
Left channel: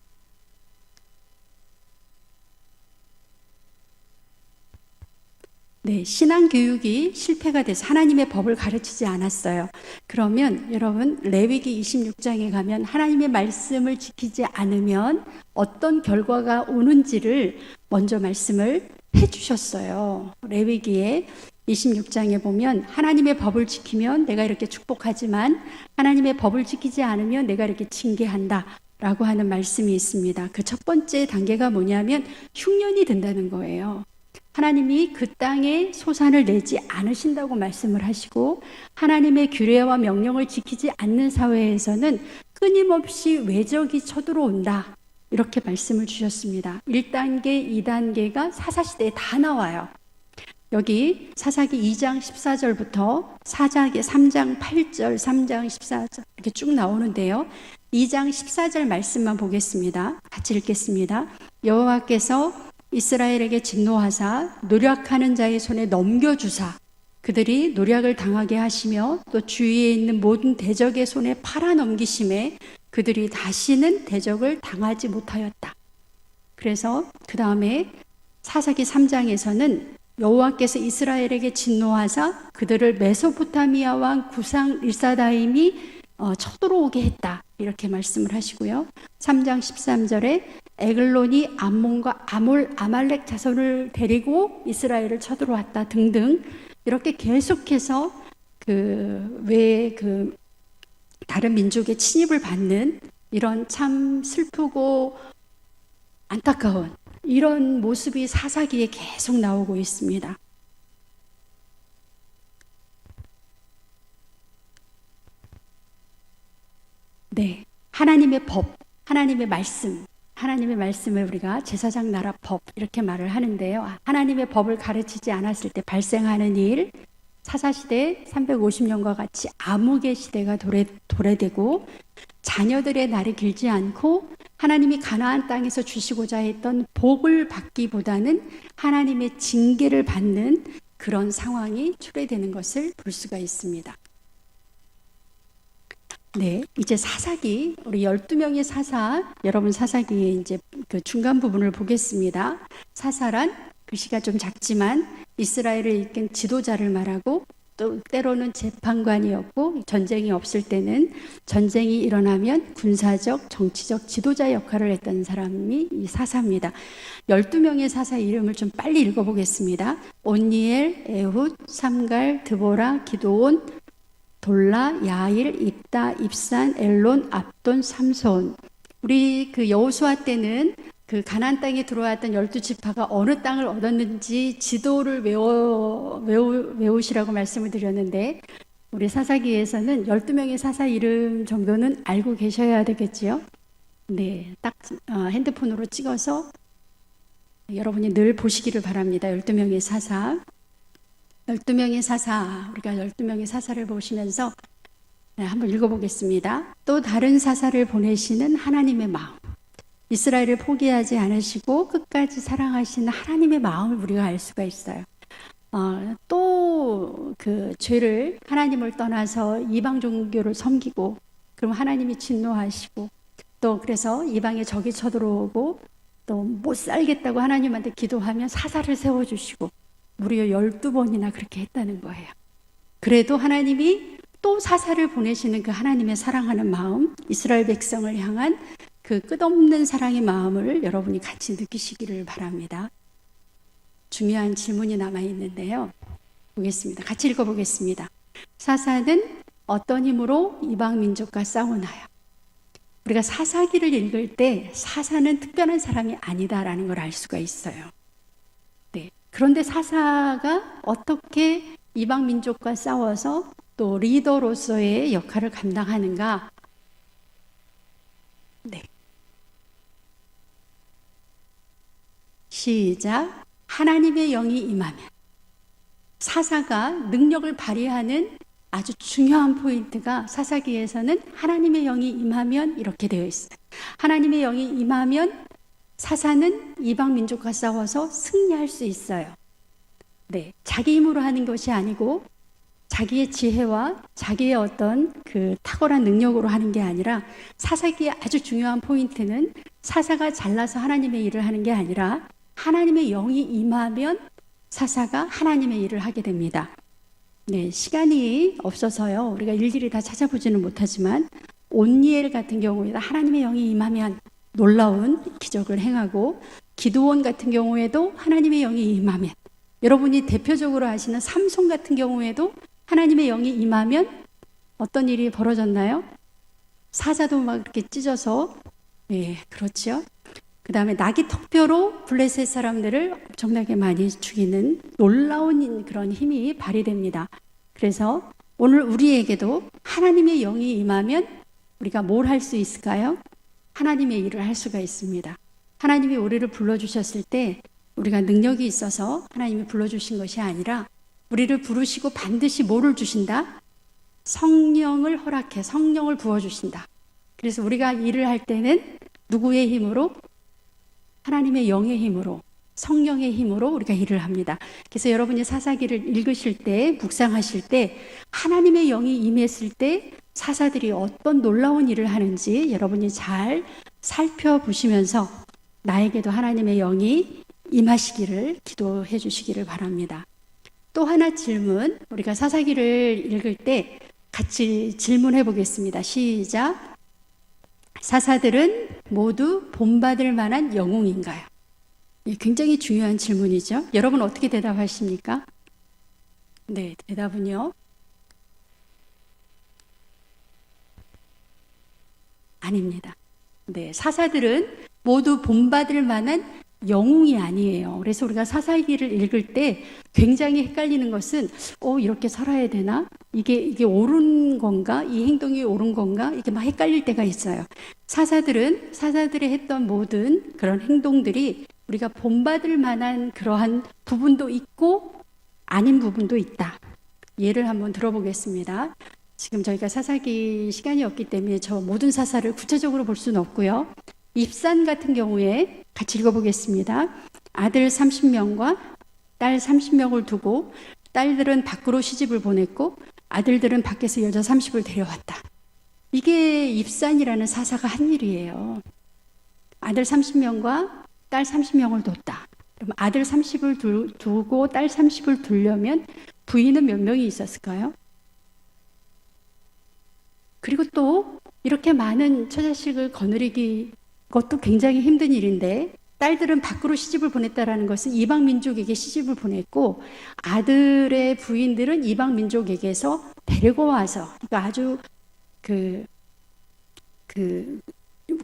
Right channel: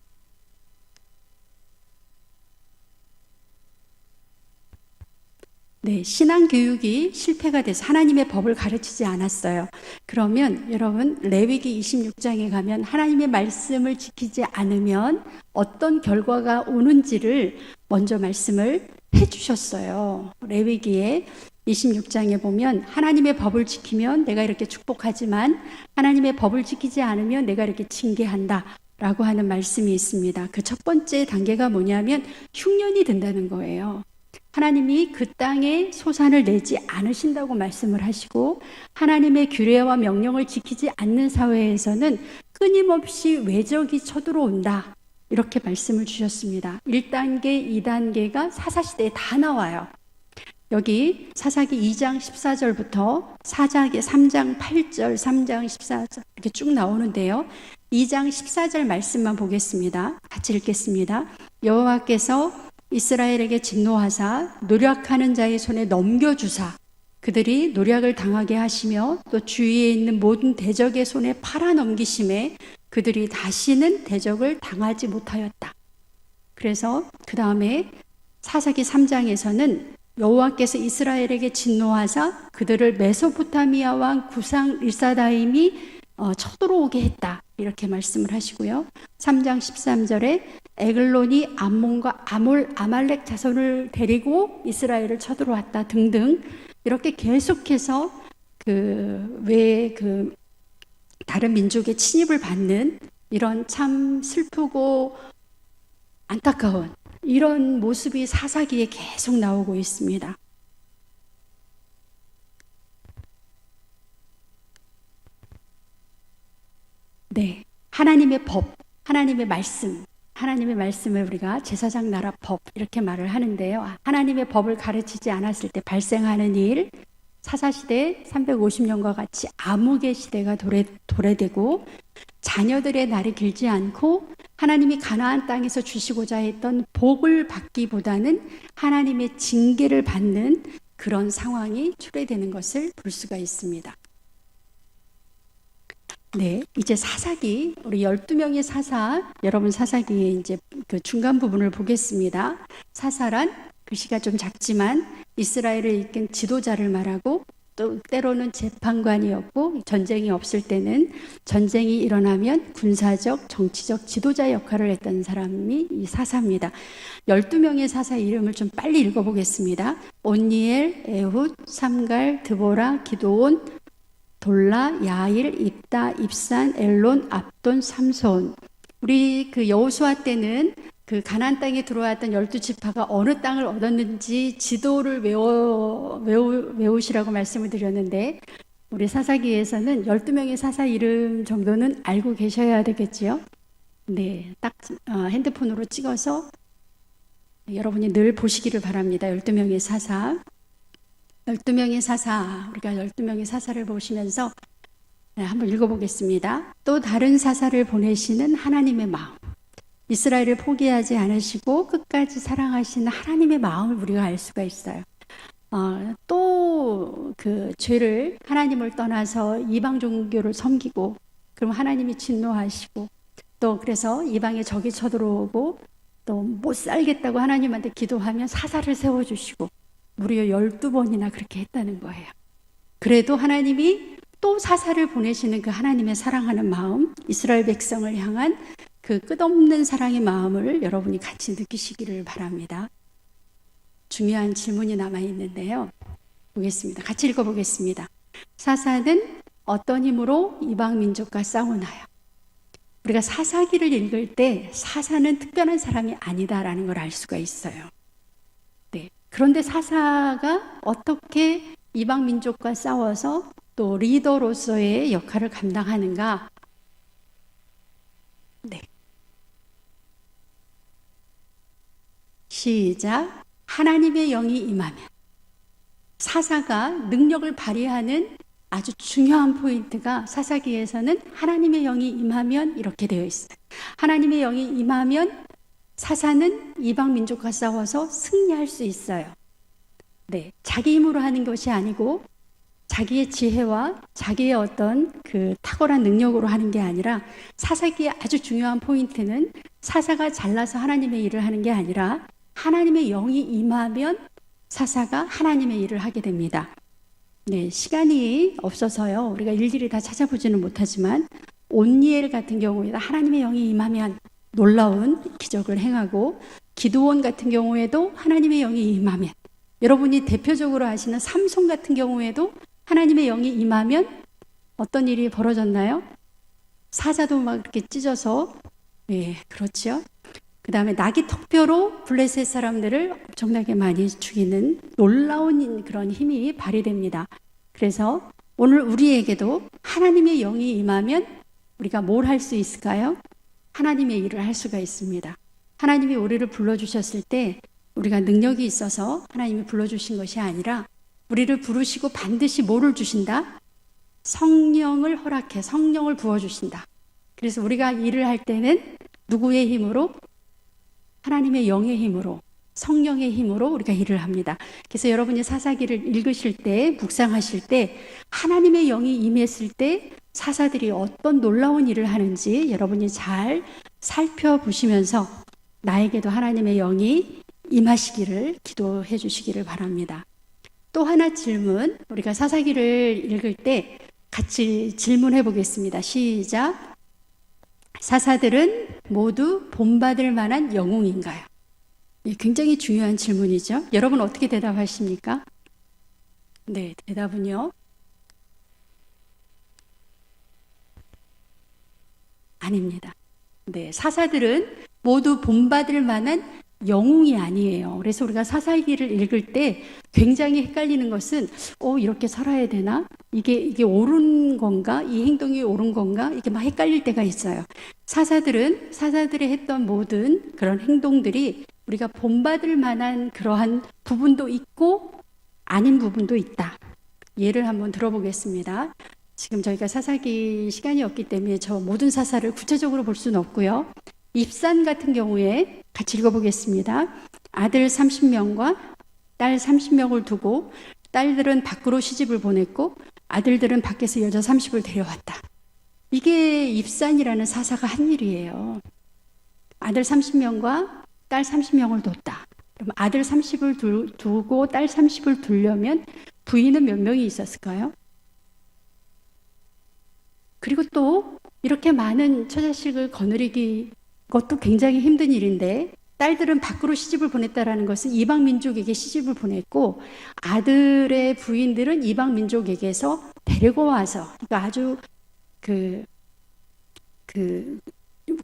신앙교육이 실패가 돼서 하나님의 법을 가르치지 않았어요. 그러면 여러분 레위기 26장에 가면 하나님의 말씀을 지키지 않으면 어떤 결과가 오는지를 먼저 말씀을 해주셨어요. 레위기에 26장에 보면 하나님의 법을 지키면 내가 이렇게 축복하지만 하나님의 법을 지키지 않으면 내가 이렇게 징계한다 라고 하는 말씀이 있습니다. 그 첫 번째 단계가 뭐냐면 흉년이 된다는 거예요. 하나님이 그 땅에 소산을 내지 않으신다고 말씀을 하시고 하나님의 규례와 명령을 지키지 않는 사회에서는 끊임없이 외적이 쳐들어온다. 이렇게 말씀을 주셨습니다. 1단계, 2단계가 사사시대에 다 나와요. 여기 사사기 2장 14절부터 사사기 3장 8절, 3장 14절 이렇게 쭉 나오는데요. 2장 14절 말씀만 보겠습니다. 같이 읽겠습니다. 여호와께서 이스라엘에게 진노하사 노력하는 자의 손에 넘겨주사 그들이 노력을 당하게 하시며 또 주위에 있는 모든 대적의 손에 팔아넘기심에 그들이 다시는 대적을 당하지 못하였다. 그래서 그 다음에 사사기 3장에서는 여호와께서 이스라엘에게 진노하사 그들을 메소포타미아 왕 구상 릴사다임이 쳐들어오게 했다. 이렇게 말씀을 하시고요. 3장 13절에 에글론이 암몬과 아말렉 자손을 데리고 이스라엘을 쳐들어왔다 등등 이렇게 계속해서 다른 민족의 침입을 받는 이런 참 슬프고 안타까운 이런 모습이 사사기에 계속 나오고 있습니다. 하나님의 법, 하나님의 말씀을 우리가 제사장 나라 법 이렇게 말을 하는데요. 하나님의 법을 가르치지 않았을 때 발생하는 일, 사사시대 350년과 같이 암흑의 시대가 도래되고 자녀들의 날이 길지 않고 하나님이 가나안 땅에서 주시고자 했던 복을 받기보다는 하나님의 징계를 받는 그런 상황이 초래되는 것을 볼 수가 있습니다. 네, 이제 사사기, 우리 12명의 사사, 여러분 사사기의 이제 그 중간 부분을 보겠습니다. 사사란 글씨가 좀 작지만 이스라엘을 이끈 지도자를 말하고 또 때로는 재판관이었고 전쟁이 없을 때는 전쟁이 일어나면 군사적, 정치적 지도자 역할을 했던 사람이 이 사사입니다. 12명의 사사 이름을 좀 빨리 읽어보겠습니다. 온니엘, 에훗, 삼갈, 드보라, 기도온, 돌라, 야일, 입다, 입산, 엘론, 압돈, 삼손. 우리 그 여호수아 때는 그 가나안 땅에 들어왔던 12지파가 어느 땅을 얻었는지 지도를 외우시라고 말씀을 드렸는데 우리 사사기에서는 12명의 사사 이름 정도는 알고 계셔야 되겠지요. 네, 딱 핸드폰으로 찍어서 여러분이 늘 보시기를 바랍니다. 12명의 사사. 12명의 사사, 우리가 12명의 사사를 보시면서 한번 읽어보겠습니다. 또 다른 사사를 보내시는 하나님의 마음. 이스라엘을 포기하지 않으시고 끝까지 사랑하시는 하나님의 마음을 우리가 알 수가 있어요. 또 그 죄를 하나님을 떠나서 이방 종교를 섬기고 그럼 하나님이 진노하시고 또 그래서 이방에 적이 쳐들어오고 또 못 살겠다고 하나님한테 기도하면 사사를 세워주시고 무려 12번이나 그렇게 했다는 거예요. 그래도 하나님이 또 사사를 보내시는 그 하나님의 사랑하는 마음, 이스라엘 백성을 향한 그 끝없는 사랑의 마음을 여러분이 같이 느끼시기를 바랍니다. 중요한 질문이 남아있는데요. 보겠습니다. 같이 읽어보겠습니다. 사사는 어떤 힘으로 이방 민족과 싸우나요? 우리가 사사기를 읽을 때 사사는 특별한 사람이 아니다라는 걸 알 수가 있어요. 네. 그런데 사사가 어떻게 이방 민족과 싸워서 또 리더로서의 역할을 감당하는가? 네. 시작. 하나님의 영이 임하면. 사사가 능력을 발휘하는 아주 중요한 포인트가 사사기에서는 하나님의 영이 임하면 이렇게 되어 있어요. 하나님의 영이 임하면 사사는 이방 민족과 싸워서 승리할 수 있어요. 네, 자기 힘으로 하는 것이 아니고 자기의 지혜와 자기의 어떤 그 탁월한 능력으로 하는 게 아니라 사사기의 아주 중요한 포인트는 사사가 잘나서 하나님의 일을 하는 게 아니라 하나님의 영이 임하면 사사가 하나님의 일을 하게 됩니다. 네, 시간이 없어서요. 우리가 일일이 다 찾아보지는 못하지만 온니엘 같은 경우에도 하나님의 영이 임하면 놀라운 기적을 행하고 기드온 같은 경우에도 하나님의 영이 임하면 여러분이 대표적으로 아시는 삼손 같은 경우에도 하나님의 영이 임하면 어떤 일이 벌어졌나요? 사자도 막 이렇게 찢어서 그렇죠. 그 다음에 나귀 턱뼈로 블레셋 사람들을 엄청나게 많이 죽이는 놀라운 그런 힘이 발휘됩니다. 그래서 오늘 우리에게도 하나님의 영이 임하면 우리가 뭘 할 수 있을까요? 하나님의 일을 할 수가 있습니다. 하나님이 우리를 불러주셨을 때 우리가 능력이 있어서 하나님이 불러주신 것이 아니라 우리를 부르시고 반드시 뭐를 주신다? 성령을 허락해 성령을 부어주신다. 그래서 우리가 일을 할 때는 누구의 힘으로? 하나님의 영의 힘으로, 성령의 힘으로 우리가 일을 합니다. 그래서 여러분이 사사기를 읽으실 때, 묵상하실 때 하나님의 영이 임했을 때 사사들이 어떤 놀라운 일을 하는지 여러분이 잘 살펴보시면서 나에게도 하나님의 영이 임하시기를 기도해 주시기를 바랍니다. 또 하나 질문, 우리가 사사기를 읽을 때 같이 질문해 보겠습니다. 시작. 사사들은 모두 본받을 만한 영웅인가요? 굉장히 중요한 질문이죠. 여러분 어떻게 대답하십니까? 네, 대답은요. 아닙니다. 네, 사사들은 모두 본받을 만한 영웅이 아니에요. 그래서 우리가 사사기를 읽을 때 굉장히 헷갈리는 것은 이렇게 살아야 되나? 이게 옳은 건가? 이 행동이 옳은 건가? 이게 막 헷갈릴 때가 있어요. 사사들이 했던 모든 그런 행동들이 우리가 본받을 만한 그러한 부분도 있고 아닌 부분도 있다. 예를 한번 들어보겠습니다. 지금 저희가 사사기 시간이 없기 때문에 저 모든 사사를 구체적으로 볼 수는 없고요. 입산 같은 경우에 같이 읽어보겠습니다. 아들 30명과 딸 30명을 두고 딸들은 밖으로 시집을 보냈고 아들들은 밖에서 여자 30을 데려왔다. 이게 입산이라는 사사가 한 일이에요. 아들 30명과 딸 30명을 뒀다. 그럼 아들 30을 두고 딸 30을 두려면 부인은 몇 명이 있었을까요? 그리고 또 이렇게 많은 처자식을 거느리기 것도 굉장히 힘든 일인데, 딸들은 밖으로 시집을 보냈다라는 것은 이방 민족에게 시집을 보냈고, 아들의 부인들은 이방 민족에게서 데리고 와서, 그러니까 아주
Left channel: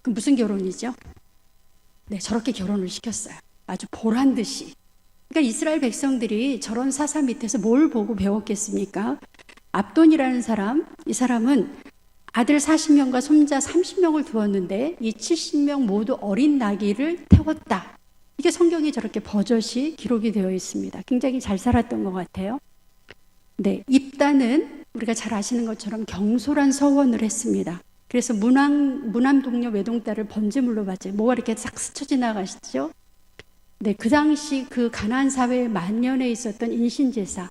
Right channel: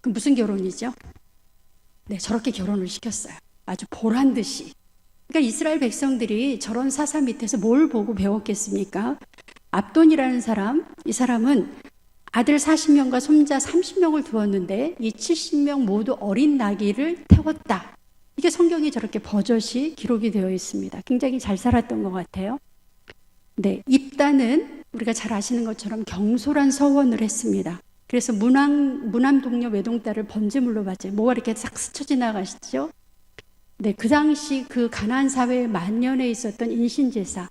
무슨 결혼이죠? 네, 저렇게 결혼을 시켰어요. 아주 보란 듯이. 그러니까 이스라엘 백성들이 저런 사사 밑에서 뭘 보고 배웠겠습니까? 압돈이라는 사람, 이 사람은 아들 40명과 손자 30명을 두었는데 이 70명 모두 어린 나귀를 태웠다. 이게 성경에 저렇게 버젓이 기록이 되어 있습니다. 굉장히 잘 살았던 것 같아요. 네, 입다는 우리가 잘 아시는 것처럼 경솔한 서원을 했습니다. 그래서 무남 동료 외동딸을 번제물로 받죠. 뭐가 이렇게 싹 스쳐 지나가시죠? 네, 그 당시 그 가나안 사회에 만연해 있었던 인신제사.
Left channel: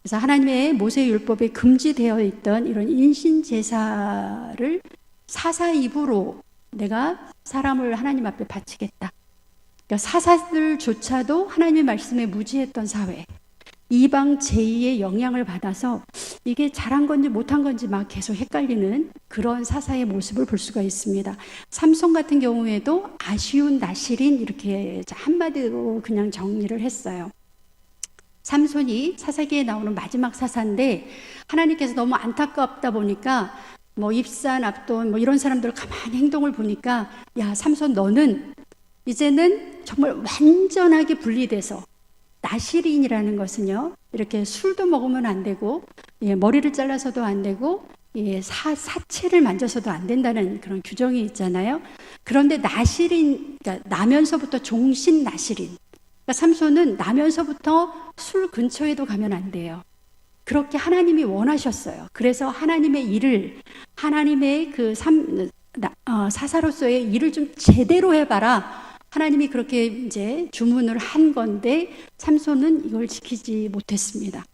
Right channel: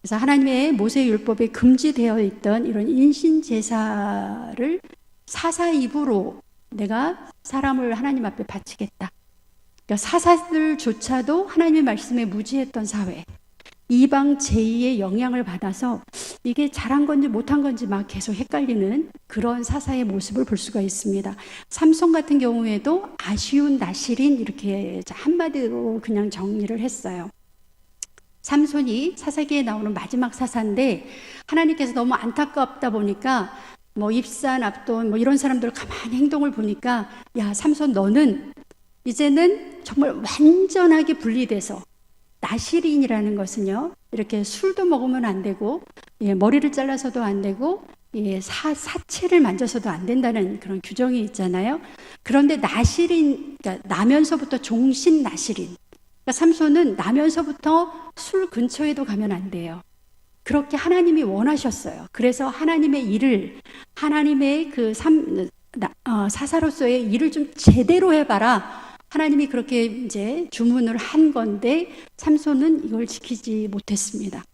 그래서 하나님의 모세 율법에 금지되어 있던 이런 인신제사를 사사 입으로 내가 사람을 하나님 앞에 바치겠다. 그러니까 사사들조차도 하나님의 말씀에 무지했던 사회. 이방 제2의 영향을 받아서 이게 잘한 건지 못한 건지 막 계속 헷갈리는 그런 사사의 모습을 볼 수가 있습니다. 삼손 같은 경우에도 아쉬운 나실인 이렇게 한마디로 그냥 정리를 했어요. 삼손이 사사기에 나오는 마지막 사사인데 하나님께서 너무 안타깝다 보니까 뭐 입산, 압돈 뭐 이런 사람들 가만히 행동을 보니까 야 삼손 너는 이제는 정말 완전하게 분리돼서 나실인이라는 것은요, 이렇게 술도 먹으면 안 되고, 머리를 잘라서도 안 되고, 사체를 만져서도 안 된다는 그런 규정이 있잖아요. 그런데 나실인, 그러니까 나면서부터 종신 나실인. 그러니까 삼손은 나면서부터 술 근처에도 가면 안 돼요. 그렇게 하나님이 원하셨어요. 그래서 하나님의 일을, 하나님의 사사로서의 일을 좀 제대로 해봐라. 하나님이 그렇게 이제 주문을 한 건데 삼손은 이걸 지키지 못했습니다.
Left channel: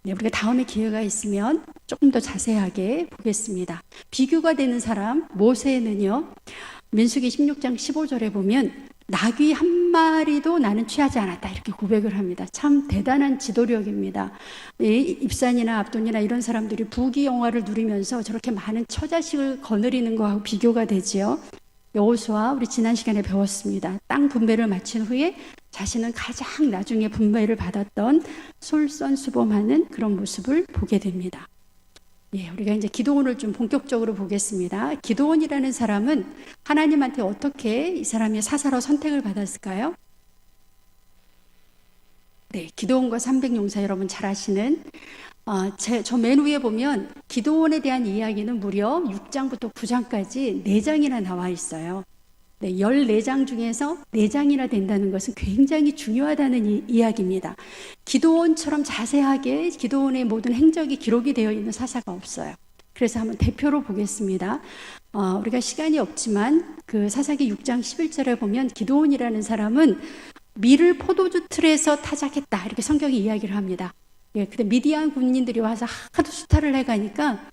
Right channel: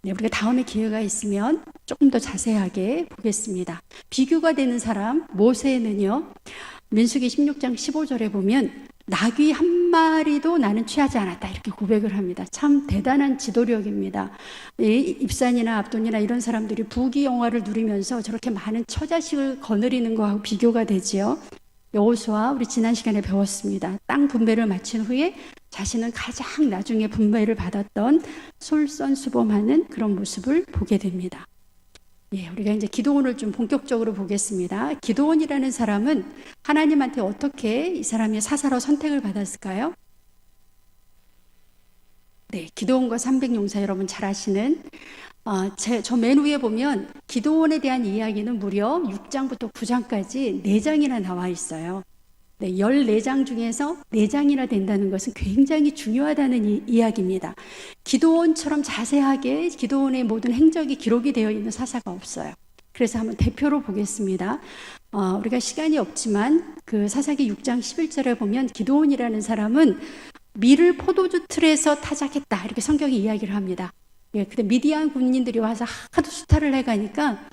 네, 우리가 다음에 기회가 있으면 조금 더 자세하게 보겠습니다. 비교가 되는 사람 모세는요, 민수기 16장 15절에 보면 나귀 한 마리도 나는 취하지 않았다 이렇게 고백을 합니다. 참 대단한 지도력입니다. 입산이나 압돈이나 이런 사람들이 부귀영화를 누리면서 저렇게 많은 처자식을 거느리는 거하고 비교가 되지요. 여호수아 우리 지난 시간에 배웠습니다. 땅 분배를 마친 후에 자신은 가장 나중에 분배를 받았던 솔선수범하는 그런 모습을 보게 됩니다. 우리가 이제 기드온을 좀 본격적으로 보겠습니다. 기드온이라는 사람은 하나님한테 어떻게 이 사람이 사사로 선택을 받았을까요? 네, 기드온과 300용사 여러분 잘 아시는 저 맨 위에 보면 기드온에 대한 이야기는 무려 6장부터 9장까지 4장이나 나와 있어요. 네, 14장 중에서 4장이나 된다는 것은 굉장히 중요하다는 이야기입니다. 기드온처럼 자세하게 기드온의 모든 행적이 기록이 되어 있는 사사가 없어요. 그래서 한번 대표로 보겠습니다. 우리가 시간이 없지만 그 사사기 6장 11절에 보면 기드온이라는 사람은 밀을 포도주 틀에서 타작했다 이렇게 성경이 이야기를 합니다. 근데 미디안 군인들이 와서 하도 수탈을 해가니까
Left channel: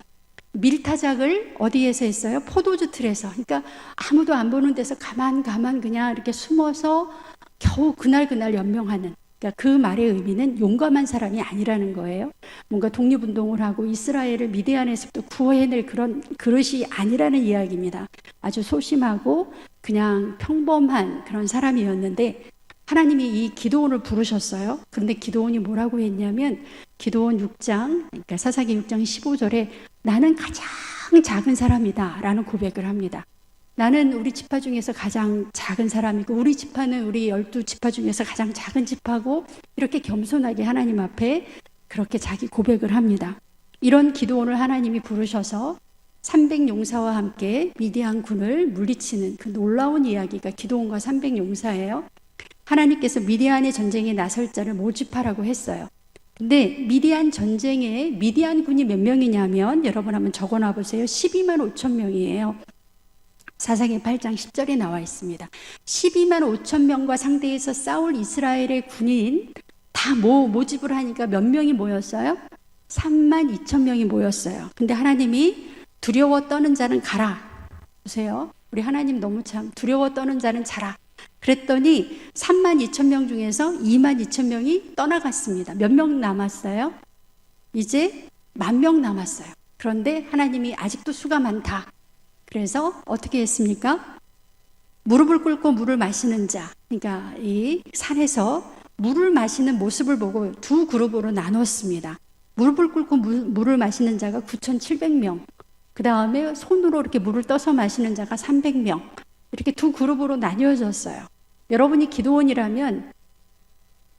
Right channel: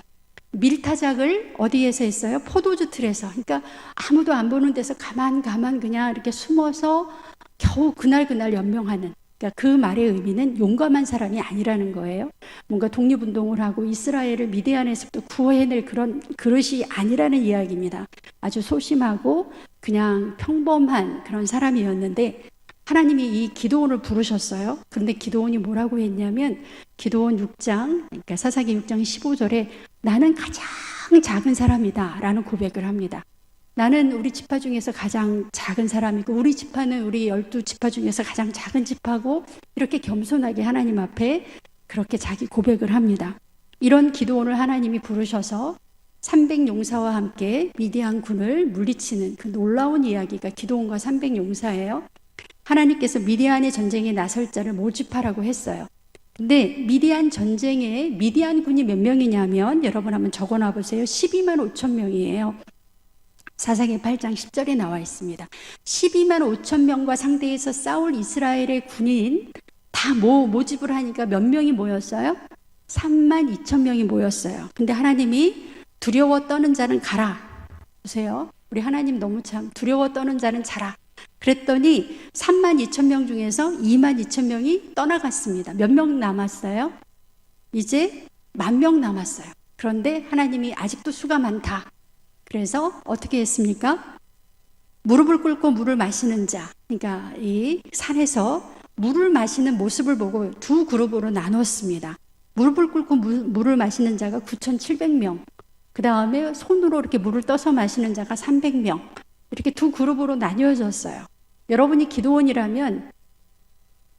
밀타작을 어디에서 했어요? 포도주 틀에서. 그러니까 아무도 안 보는 데서 가만 그냥 이렇게 숨어서 겨우 그날 연명하는. 그러니까 그 말의 의미는 용감한 사람이 아니라는 거예요. 뭔가 독립운동을 하고 이스라엘을 미디안에서부터 구해낼 그런 그릇이 아니라는 이야기입니다. 아주 소심하고 그냥 평범한 그런 사람이었는데 하나님이 이 기드온을 부르셨어요. 그런데 기드온이 뭐라고 했냐면 기드온 6장, 그러니까 사사기 6장 15절에 나는 가장 작은 사람이다 라는 고백을 합니다. 나는 우리 지파 중에서 가장 작은 사람이고 우리 지파는 우리 12지파 중에서 가장 작은 지파고 이렇게 겸손하게 하나님 앞에 그렇게 자기 고백을 합니다. 이런 기드온을 하나님이 부르셔서 300용사와 함께 미디안 군을 물리치는 그 놀라운 이야기가 기드온과 300용사예요. 하나님께서 미디안의 전쟁에 나설 자를 모집하라고 했어요. 근데 미디안 전쟁에 미디안 군이 몇 명이냐면 여러분 한번 적어놔 보세요. 12만 5천 명이에요. 사사기 8장 10절에 나와 있습니다. 12만 5천 명과 상대해서 싸울 이스라엘의 군인 다 모집을 하니까 몇 명이 모였어요? 3만 2천 명이 모였어요. 근데 하나님이 두려워 떠는 자는 가라. 보세요. 우리 하나님 너무 참 두려워 떠는 자는 자라. 그랬더니 32,000명 중에서 22,000명이 떠나갔습니다. 몇 명 남았어요? 이제 10,000명 남았어요. 그런데 하나님이 아직도 수가 많다. 그래서 어떻게 했습니까? 무릎을 꿇고 물을 마시는 자, 그러니까 이 산에서 물을 마시는 모습을 보고 두 그룹으로 나눴습니다. 무릎을 꿇고 물을 마시는 자가 9,700명, 그 다음에 손으로 이렇게 물을 떠서 마시는 자가 300명, 이렇게 두 그룹으로 나뉘어졌어요. 여러분이 기도원이라면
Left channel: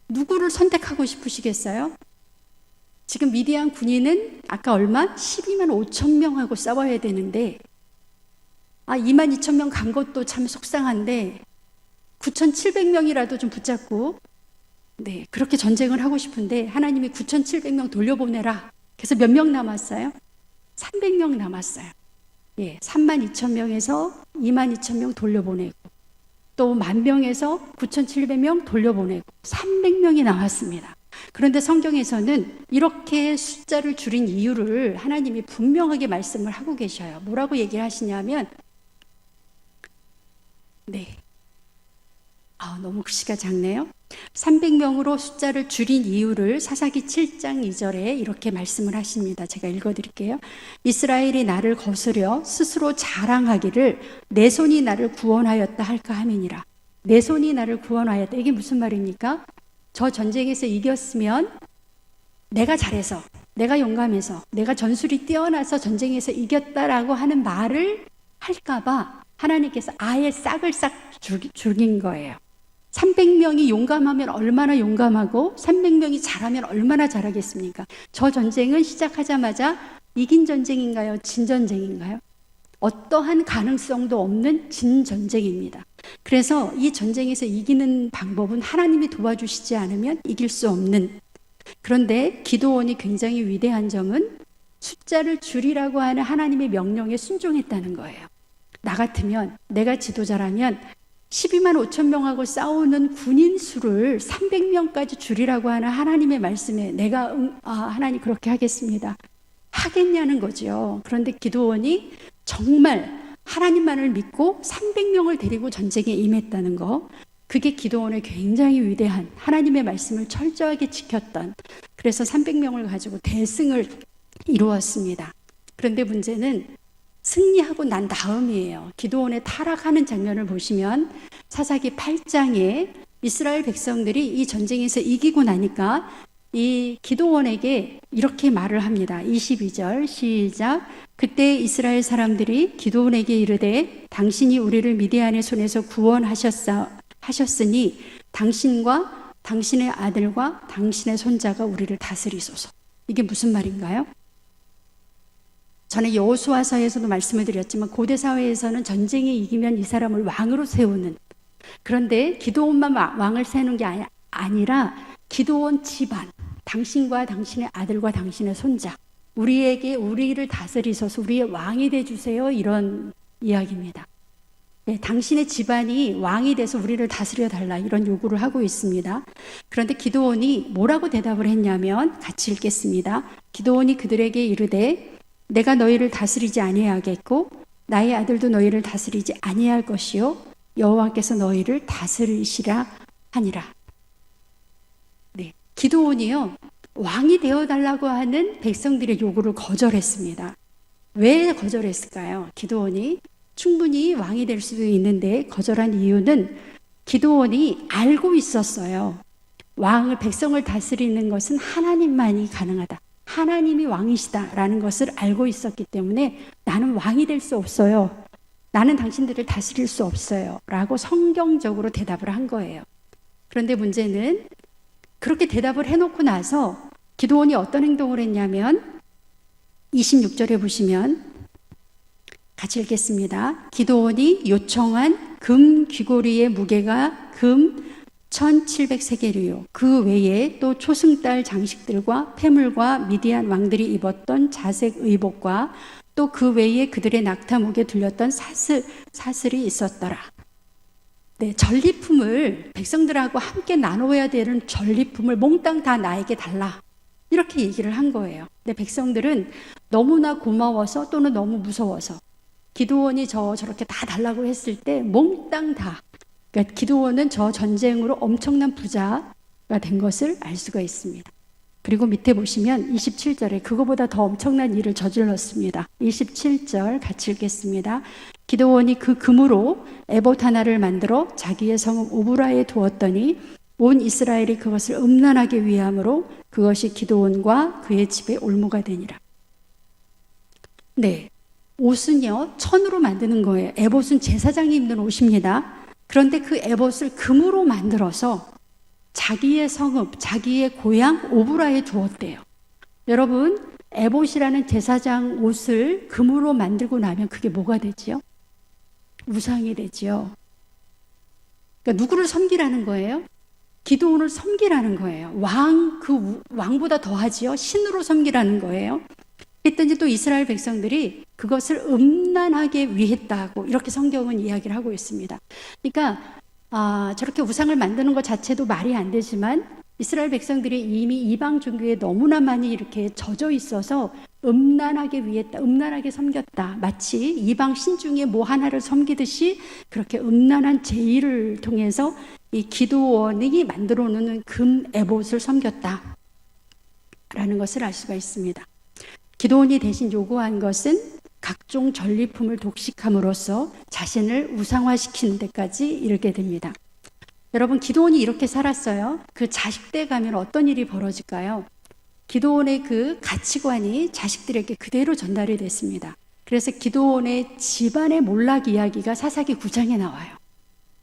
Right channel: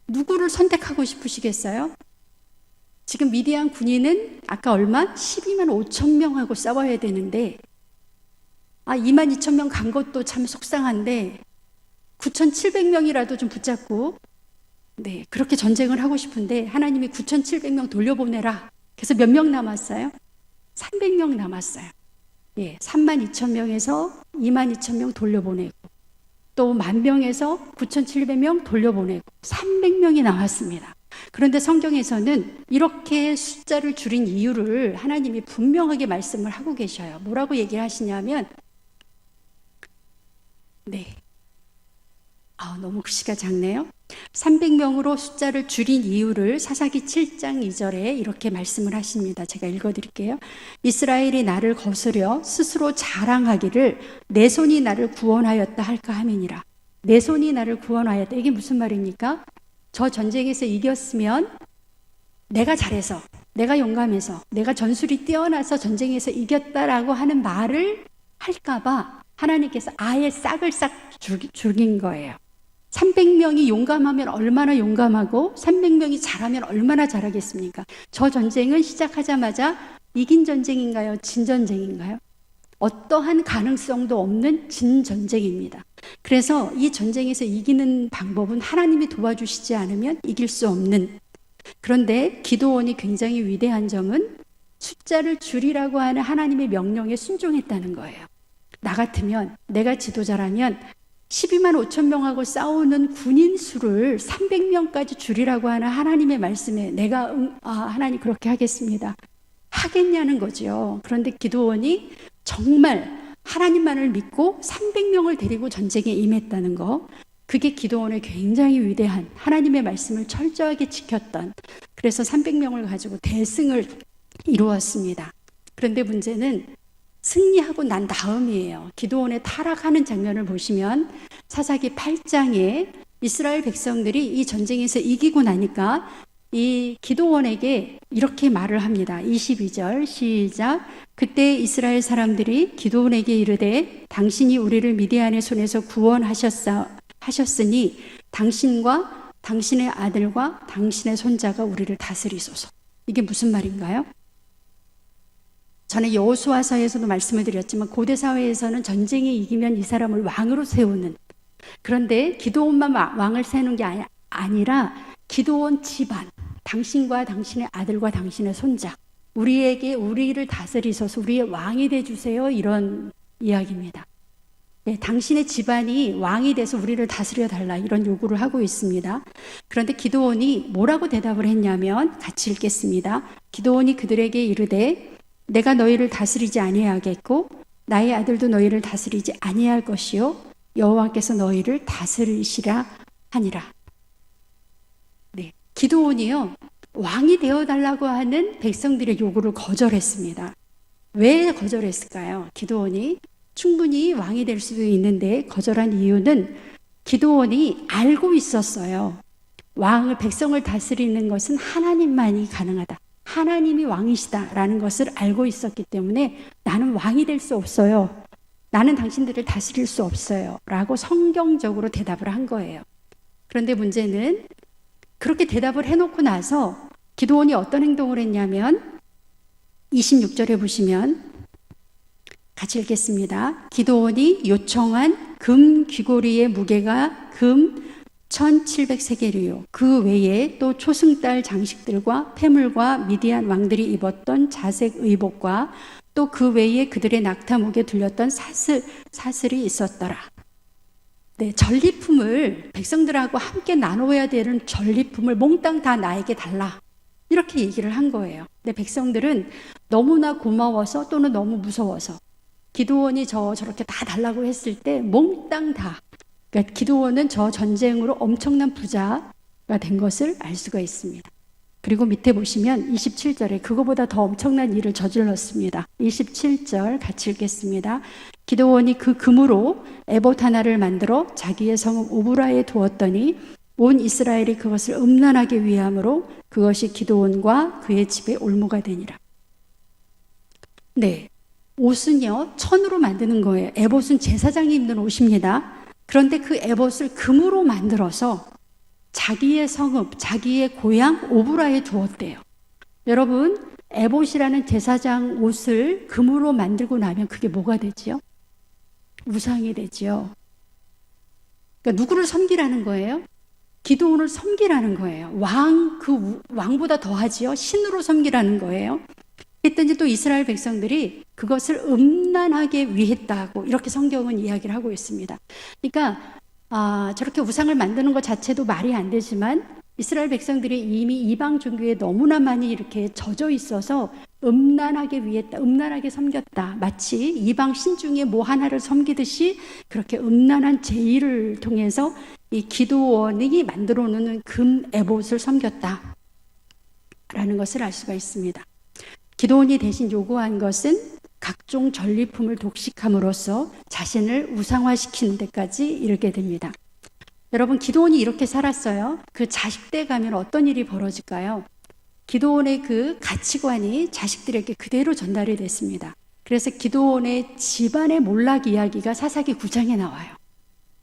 누구를 선택하고 싶으시겠어요? 지금 미디안 군인은 아까 얼마? 12만 5천 명하고 싸워야 되는데 22,000명 간 것도 참 속상한데 9,700명이라도 좀 붙잡고 그렇게 전쟁을 하고 싶은데 하나님이 9,700명 돌려보내라. 그래서 몇 명 남았어요? 300명 남았어요. 32,000명에서 22,000명 돌려보내고 또 10,000명에서 9,700명 돌려보내고 300명이 나왔습니다. 그런데 성경에서는 이렇게 숫자를 줄인 이유를 하나님이 분명하게 말씀을 하고 계셔요. 뭐라고 얘기를 하시냐면 너무 글씨가 작네요. 300명으로 숫자를 줄인 이유를 사사기 7장 2절에 이렇게 말씀을 하십니다. 제가 읽어드릴게요. 이스라엘이 나를 거스려 스스로 자랑하기를 내 손이 나를 구원하였다 할까 함이니라. 내 손이 나를 구원하였다. 이게 무슨 말입니까? 저 전쟁에서 이겼으면 내가 잘해서, 내가 용감해서, 내가 전술이 뛰어나서 전쟁에서 이겼다라고 하는 말을 할까봐 하나님께서 아예 싹을 싹 죽인 거예요. 300명이 용감하면 얼마나 용감하고 300명이 잘하면 얼마나 잘하겠습니까? 저 전쟁은 시작하자마자 이긴 전쟁인가요? 진 전쟁인가요? 어떠한 가능성도 없는 진 전쟁입니다. 그래서 이 전쟁에서 이기는 방법은 하나님이 도와주시지 않으면 이길 수 없는, 그런데 기도원이 굉장히 위대한 점은 숫자를 줄이라고 하는 하나님의 명령에 순종했다는 거예요. 나 같으면, 내가 지도자라면 12만 5천 명하고 싸우는 군인 수를 300명까지 줄이라고 하는 하나님의 말씀에 내가 하나님 그렇게 하겠습니다. 하겠냐는 거죠. 그런데 기도원이 정말 하나님만을 믿고 300명을 데리고 전쟁에 임했다는 거, 그게 기도원의 굉장히 위대한 하나님의 말씀을 철저하게 지켰던, 그래서 300명을 가지고 대승을 이루었습니다. 그런데 문제는 승리하고 난 다음이에요. 기도원의 타락하는 장면을 보시면 사사기 8장에 이스라엘 백성들이 이 전쟁에서 이기고 나니까 이 기도원에게 이렇게 말을 합니다. 22절 시작. 그때 이스라엘 사람들이 기도원에게 이르되 당신이 우리를 미디안의 손에서 구원하셨으니 당신과 당신의 아들과 당신의 손자가 우리를 다스리소서. 이게 무슨 말인가요? 전에 여호수아서에서도 말씀을 드렸지만 고대 사회에서는 전쟁에 이기면 이 사람을 왕으로 세우는, 그런데 기도원만 왕을 세우는 게 아니라 기도원 집안, 당신과 당신의 아들과 당신의 손자, 우리를 다스리소서, 우리의 왕이 되주세요, 이런 이야기입니다. 당신의 집안이 왕이 돼서 우리를 다스려 달라, 이런 요구를 하고 있습니다. 그런데 기도원이 뭐라고 대답을 했냐면 같이 읽겠습니다. 기도원이 그들에게 이르되 내가 너희를 다스리지 아니하겠고 나의 아들도 너희를 다스리지 아니할 것이요 여호와께서 너희를 다스리시라 하니라. 기도원이요, 왕이 되어달라고 하는 백성들의 요구를 거절했습니다. 왜 거절했을까요? 기도원이 충분히 왕이 될 수도 있는데 거절한 이유는 기도원이 알고 있었어요. 백성을 다스리는 것은 하나님만이 가능하다, 하나님이 왕이시다라는 것을 알고 있었기 때문에 나는 왕이 될 수 없어요, 나는 당신들을 다스릴 수 없어요 라고 성경적으로 대답을 한 거예요. 그런데 문제는 그렇게 대답을 해놓고 나서 기도원이 어떤 행동을 했냐면 26절에 보시면 같이 읽겠습니다. 기도원이 요청한 금 귀고리의 무게가 금 1700세겔이요. 그 외에 또 초승달 장식들과 폐물과 미디안 왕들이 입었던 자색 의복과 또 그 외에 그들의 낙타목에 둘렸던 사슬이 있었더라. 전리품을 백성들하고 함께 나눠야 되는 전리품을 몽땅 다 나에게 달라, 이렇게 얘기를 한 거예요. 근데 백성들은 너무나 고마워서 또는 너무 무서워서 기드온이 저렇게 다 달라고 했을 때 몽땅 다, 그러니까 기드온은 저 전쟁으로 엄청난 부자가 된 것을 알 수가 있습니다. 그리고 밑에 보시면 27절에 그거보다 더 엄청난 일을 저질렀습니다. 27절 같이 읽겠습니다. 기드온이 그 금으로 에봇 하나를 만들어 자기의 성읍 오브라에 두었더니 온 이스라엘이 그것을 음란하게 위함으로 그것이 기드온과 그의 집에 올무가 되니라. 네, 옷은요 천으로 만드는 거예요. 에봇은 제사장이 입는 옷입니다. 그런데 그 에봇을 금으로 만들어서 자기의 성읍, 자기의 고향 오브라에 두었대요. 여러분, 에봇이라는 제사장 옷을 금으로 만들고 나면 그게 뭐가 되지요? 우상이 되지요. 그러니까 누구를 섬기라는 거예요? 기드온을 섬기라는 거예요. 왕보다 더하지요. 신으로 섬기라는 거예요. 그랬더니 또 이스라엘 백성들이 그것을 음란하게 위했다고 이렇게 성경은 이야기를 하고 있습니다. 그러니까 저렇게 우상을 만드는 것 자체도 말이 안 되지만 이스라엘 백성들이 이미 이방 종교에 너무나 많이 이렇게 젖어 있어서 음란하게 위했다, 음란하게 섬겼다. 마치 이방 신 중에 뭐 하나를 섬기듯이 그렇게 음란한 제의를 통해서 이 기드온이 만들어 놓는 금 에봇을 섬겼다 라는 것을 알 수가 있습니다. 기드온이 대신 요구한 것은 각종 전리품을 독식함으로써 자신을 우상화시키는 데까지 이르게 됩니다. 여러분, 기드온이 이렇게 살았어요. 그 자식때 가면 어떤 일이 벌어질까요? 기드온의 그 가치관이 자식들에게 그대로 전달이 됐습니다. 그래서 기드온의 집안의 몰락 이야기가 사사기 9장에 나와요.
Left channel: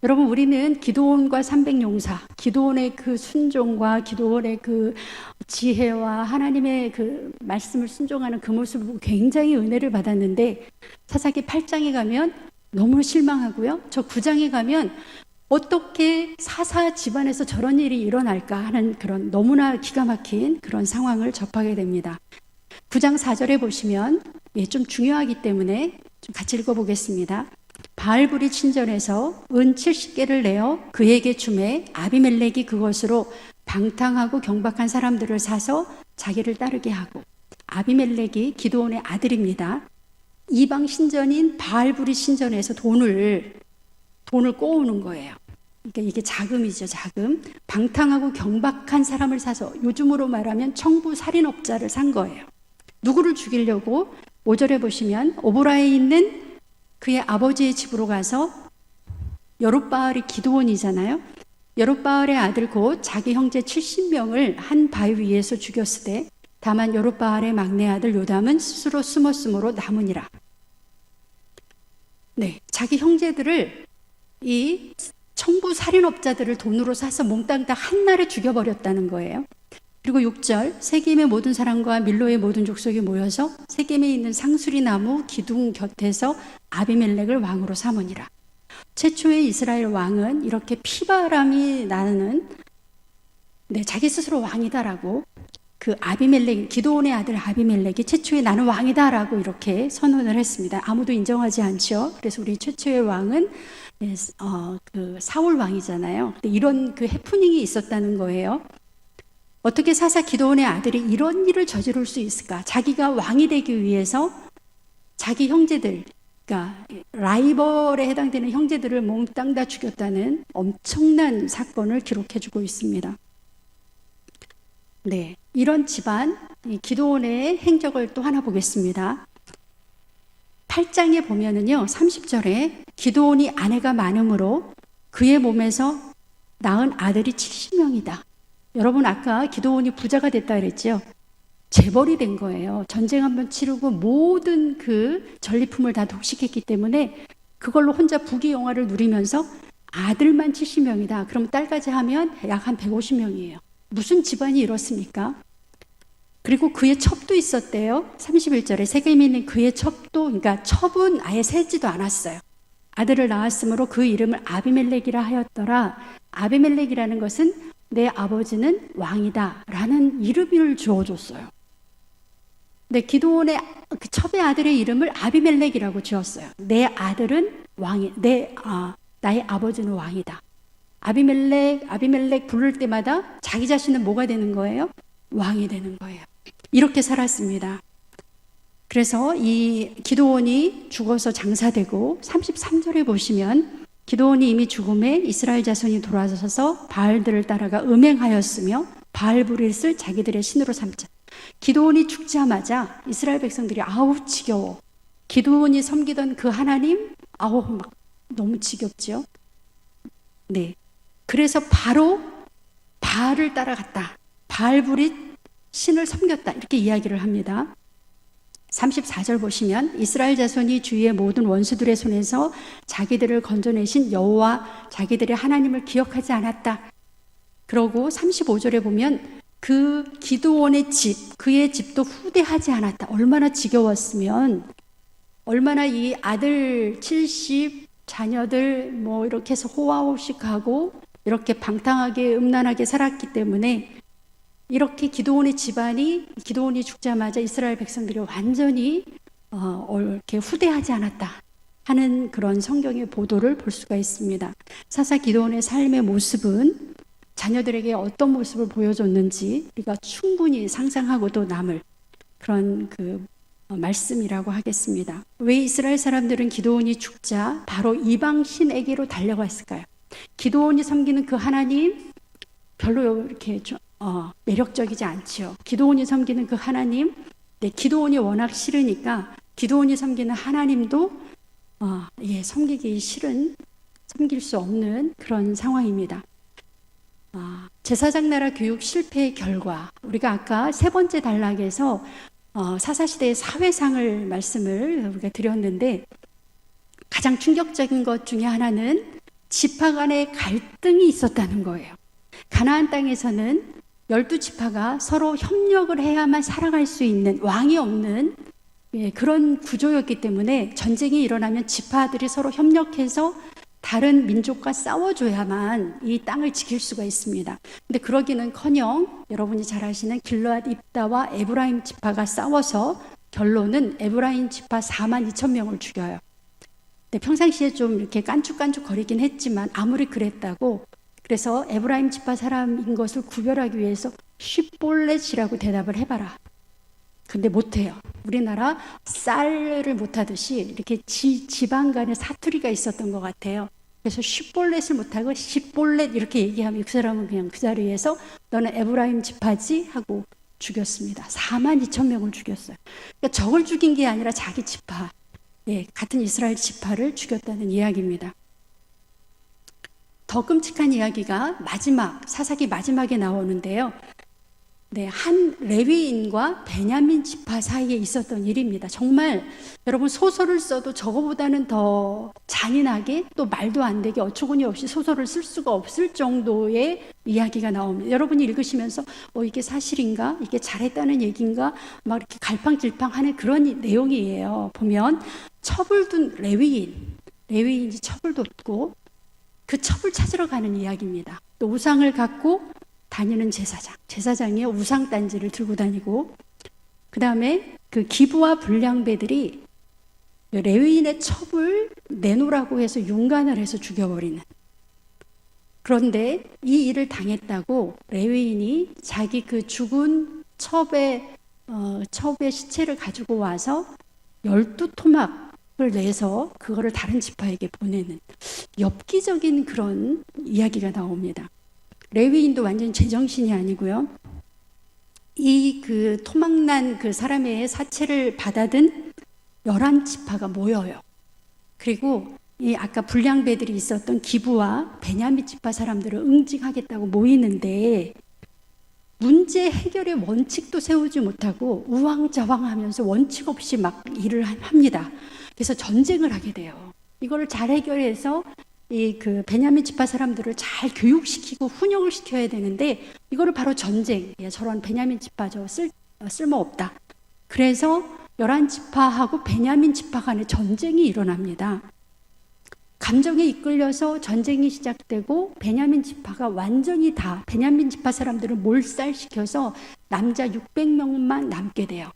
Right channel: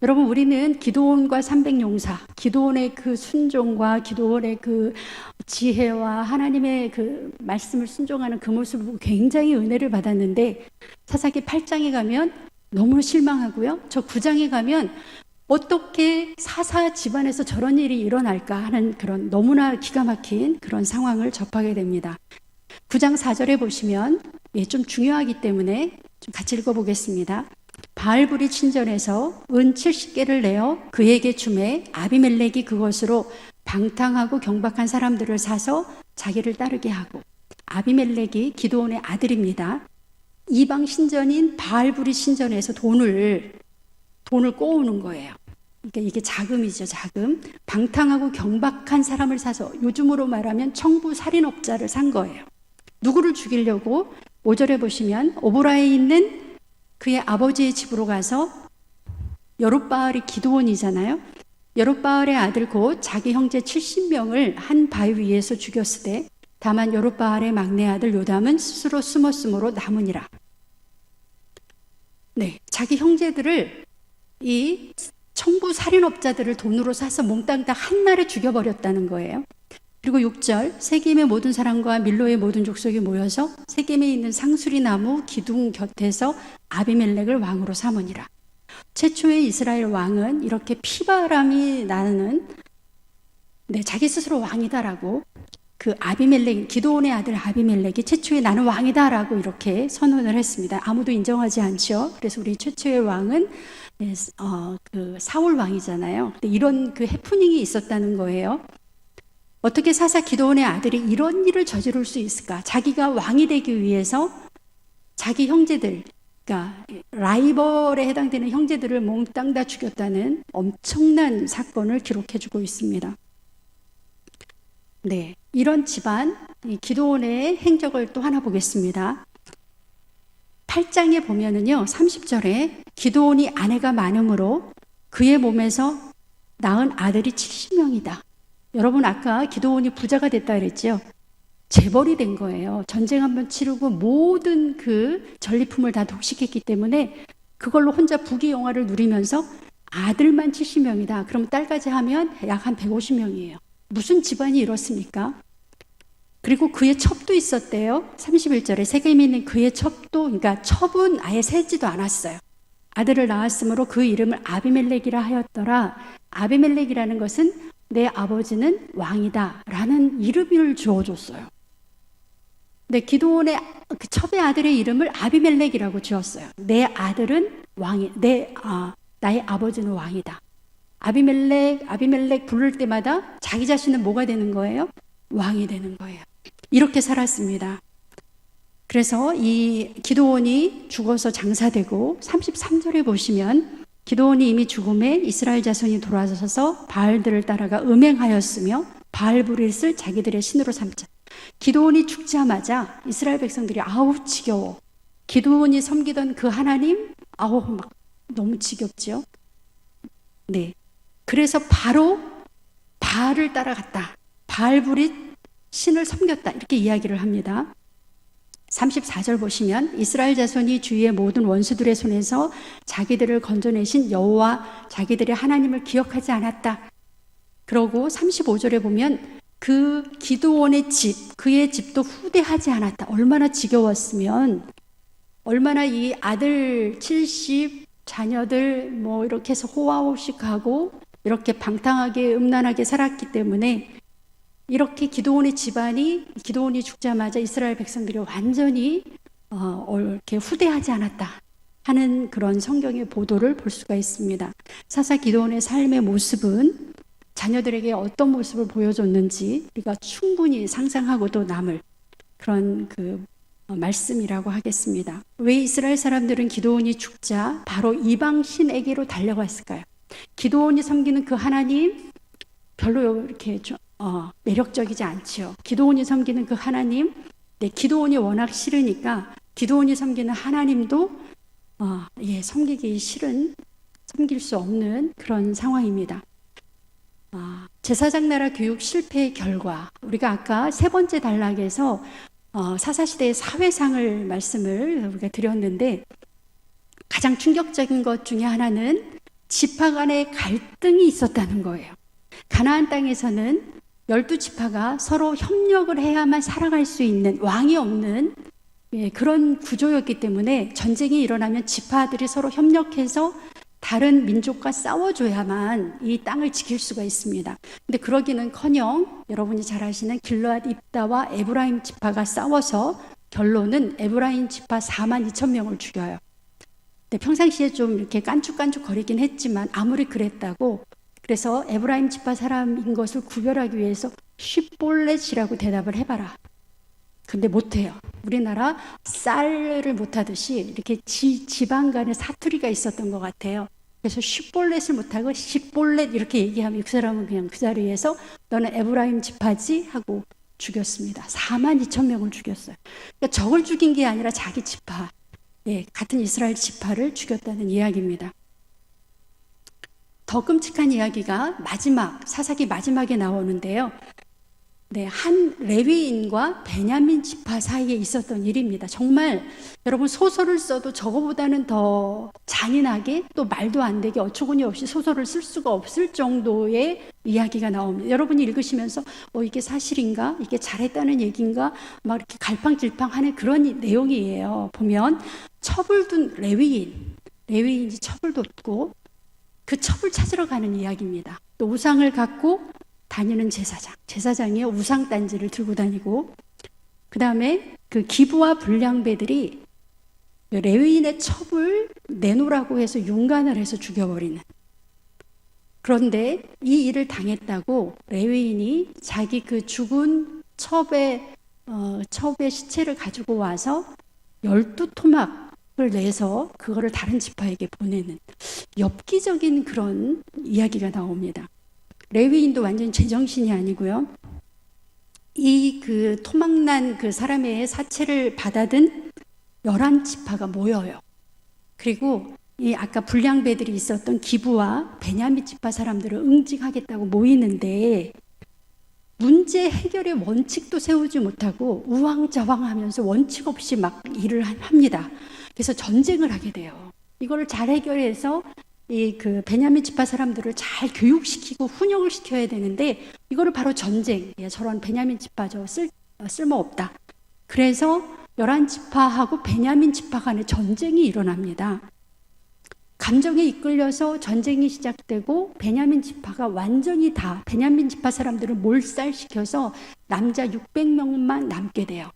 여러분, 우리는 기드온과 300용사, 기드온의 그 순종과 기드온의 그 지혜와 하나님의 그 말씀을 순종하는 그 모습을 보고 굉장히 은혜를 받았는데 사사기 8장에 가면 너무 실망하고요. 저 9장에 가면 어떻게 사사 집안에서 저런 일이 일어날까 하는 그런 너무나 기가 막힌 그런 상황을 접하게 됩니다. 9장 4절에 보시면 좀 중요하기 때문에 좀 같이 읽어보겠습니다. 바알불이 친전에서 은 70개를 내어 그에게 주매 아비멜렉이 그것으로 방탕하고 경박한 사람들을 사서 자기를 따르게 하고, 아비멜렉이 기드온의 아들입니다. 이방 신전인 바알불이 신전에서 돈을 꼬우는 거예요. 그러니까 이게 자금이죠, 자금. 방탕하고 경박한 사람을 사서 요즘으로 말하면 청부 살인업자를 산 거예요. 누구를 죽이려고? 5절에 보시면 오보라에 있는 그의 아버지의 집으로 가서 여룻바알이 기드온이잖아요. 여룻바알의 아들 곧 자기 형제 70명을 한 바위 위에서 죽였으되 다만 여룻바알의 막내 아들 요담은 스스로 숨었으므로 남으니라. 네, 자기 형제들을 이 청부 살인업자들을 돈으로 사서 몽땅 다 한날에 죽여버렸다는 거예요. 그리고 6절, 세겜의 모든 사람과 밀로의 모든 족속이 모여서 세겜에 있는 상수리 나무 기둥 곁에서 아비멜렉을 왕으로 삼으니라. 최초의 이스라엘 왕은 이렇게 피바람이 나는 자기 스스로 왕이다라고, 그 아비멜렉, 기드온의 아들 아비멜렉이 최초의 나는 왕이다라고 이렇게 선언을 했습니다. 아무도 인정하지 않죠. 그래서 우리 최초의 왕은 그 사울 왕이잖아요. 이런 그 해프닝이 있었다는 거예요. 어떻게 사사 기드온의 아들이 이런 일을 저지를 수 있을까? 자기가 왕이 되기 위해서 자기 형제들, 그러니까 라이벌에 해당되는 형제들을 몽땅 다 죽였다는 엄청난 사건을 기록해주고 있습니다. 네, 이런 집안, 이 기드온의 행적을 또 하나 보겠습니다. 8장에 보면은요, 30절에 기드온이 아내가 많음으로 그의 몸에서 낳은 아들이 70명이다. 여러분, 아까 기드온이 부자가 됐다 그랬죠? 재벌이 된 거예요. 전쟁 한번 치르고 모든 그 전리품을 다 독식했기 때문에 그걸로 혼자 부귀영화를 누리면서 아들만 70명이다. 그럼 딸까지 하면 약 한 150명이에요. 무슨 집안이 이렇습니까? 그리고 그의 첩도 있었대요. 31절에 세겜에 있는 그의 첩도, 그러니까 첩은 아예 세지도 않았어요. 아들을 낳았으므로 그 이름을 아비멜렉이라 하였더라. 아비멜렉이라는 것은 내 아버지는 왕이다 라는 이름을 주어줬어요. 근데 기드온의 그 첩의 아들의 이름을 아비멜렉이라고 지었어요. 내 아들은 왕이, 나의 아버지는 왕이다. 아비멜렉 부를 때마다 자기 자신은 뭐가 되는 거예요? 왕이 되는 거예요. 이렇게 살았습니다. 그래서 이 기드온이 죽어서 장사되고 33절에 보시면 기드온이 이미 죽음에 이스라엘 자손이 돌아서서 바알들을 따라가 음행하였으며 바알브릿을 자기들의 신으로 삼자. 기드온이 죽자마자 이스라엘 백성들이 아우 지겨워. 기드온이 섬기던 그 하나님 아우 막 너무 지겹죠. 네. 그래서 바로 바알을 따라갔다. 바알브릿 신을 섬겼다. 이렇게 이야기를 합니다. 34절 보시면 이스라엘 자손이 주위의 모든 원수들의 손에서 자기들을 건져내신 여호와 자기들의 하나님을 기억하지 않았다. 그러고 35절에 보면 그 기드온의 집, 그의 집도 후대하지 않았다. 얼마나 지겨웠으면, 얼마나 이 아들 70, 자녀들 뭐 이렇게 해서 호화호식하고 이렇게 방탕하게 음란하게 살았기 때문에 이렇게 기드온의 집안이, 기드온이 죽자마자 이스라엘 백성들이 완전히 이렇게 후대하지 않았다 하는 그런 성경의 보도를 볼 수가 있습니다. 사사 기드온의 삶의 모습은 자녀들에게 어떤 모습을 보여줬는지 우리가 충분히 상상하고도 남을 그런 그 말씀이라고 하겠습니다. 왜 이스라엘 사람들은 기드온이 죽자 바로 이방 신에게로 달려갔을까요? 기드온이 섬기는 그 하나님 별로 이렇게 매력적이지 않지요. 기드온이 섬기는 그 하나님, 기드온이 워낙 싫으니까 기드온이 섬기는 하나님도 섬기기 싫은, 섬길 수 없는 그런 상황입니다. 제사장 나라 교육 실패의 결과, 우리가 아까 세 번째 단락에서 사사시대의 사회상을 말씀을 우리가 드렸는데 가장 충격적인 것 중에 하나는 지파 간의 갈등이 있었다는 거예요. 가나안 땅에서는 12지파가 서로 협력을 해야만 살아갈 수 있는, 왕이 없는 그런 구조였기 때문에 전쟁이 일어나면 지파들이 서로 협력해서 다른 민족과 싸워줘야만 이 땅을 지킬 수가 있습니다. 근데 그러기는커녕 여러분이 잘 아시는 길르앗 입다와 에브라임 지파가 싸워서 결론은 에브라임 지파 42,000명을 죽여요. 근데 평상시에 좀 이렇게 깐죽깐죽 거리긴 했지만 아무리 그랬다고, 그래서 에브라임 지파 사람인 것을 구별하기 위해서 쉿볼렛이라고 대답을 해봐라. 근데 못해요. 우리나라 쌀을 못하듯이 이렇게 지방 간에 사투리가 있었던 것 같아요. 그래서 쉿볼렛을 못하고 쉿볼렛 이렇게 얘기하면 그 사람은 그냥 그 자리에서 너는 에브라임 지파지 하고 죽였습니다. 42,000명을 죽였어요. 그러니까 적을 죽인 게 아니라 자기 지파, 같은 이스라엘 지파를 죽였다는 이야기입니다. 더 끔찍한 이야기가 사사기 마지막에 나오는데요. 한 레위인과 베냐민 지파 사이에 있었던 일입니다. 정말 여러분 소설을 써도 저거보다는 더 잔인하게 또 말도 안 되게 어처구니 없이 소설을 쓸 수가 없을 정도의 이야기가 나옵니다. 여러분이 읽으시면서 이게 사실인가? 이게 잘했다는 얘기인가? 막 이렇게 갈팡질팡하는 그런 내용이에요. 보면 첩을둔 레위인이 첩을 뒀고 그 첩을 찾으러 가는 이야기입니다. 또 우상을 갖고 다니는 제사장이 우상단지를 들고 다니고, 그 다음에 그 기부와 불량배들이 레위인의 첩을 내놓으라고 해서 윤관을 해서 죽여버리는. 그런데 이 일을 당했다고 레위인이 자기 그 죽은 첩의 시체를 가지고 와서 12토막을 내서 그거를 다른 지파에게 보내는 엽기적인 그런 이야기가 나옵니다. 레위인도 완전 제정신이 아니고요. 이 그 토막난 그 사람의 사체를 받아든 11지파가 모여요. 그리고 이 아까 불량배들이 있었던 기부와 베냐민 지파 사람들을 응징하겠다고 모이는데 문제 해결의 원칙도 세우지 못하고 우왕좌왕하면서 원칙 없이 막 일을 합니다. 그래서 전쟁을 하게 돼요. 이거를 잘 해결해서 이 그 베냐민 지파 사람들을 잘 교육시키고 훈육을 시켜야 되는데 이거를 바로 전쟁, 저런 베냐민 지파죠, 쓸모없다. 그래서 11지파하고 베냐민 지파 간의 전쟁이 일어납니다. 감정에 이끌려서 전쟁이 시작되고 베냐민 지파가 완전히 다 베냐민 지파 사람들을 몰살시켜서 남자 600명만 남게 돼요.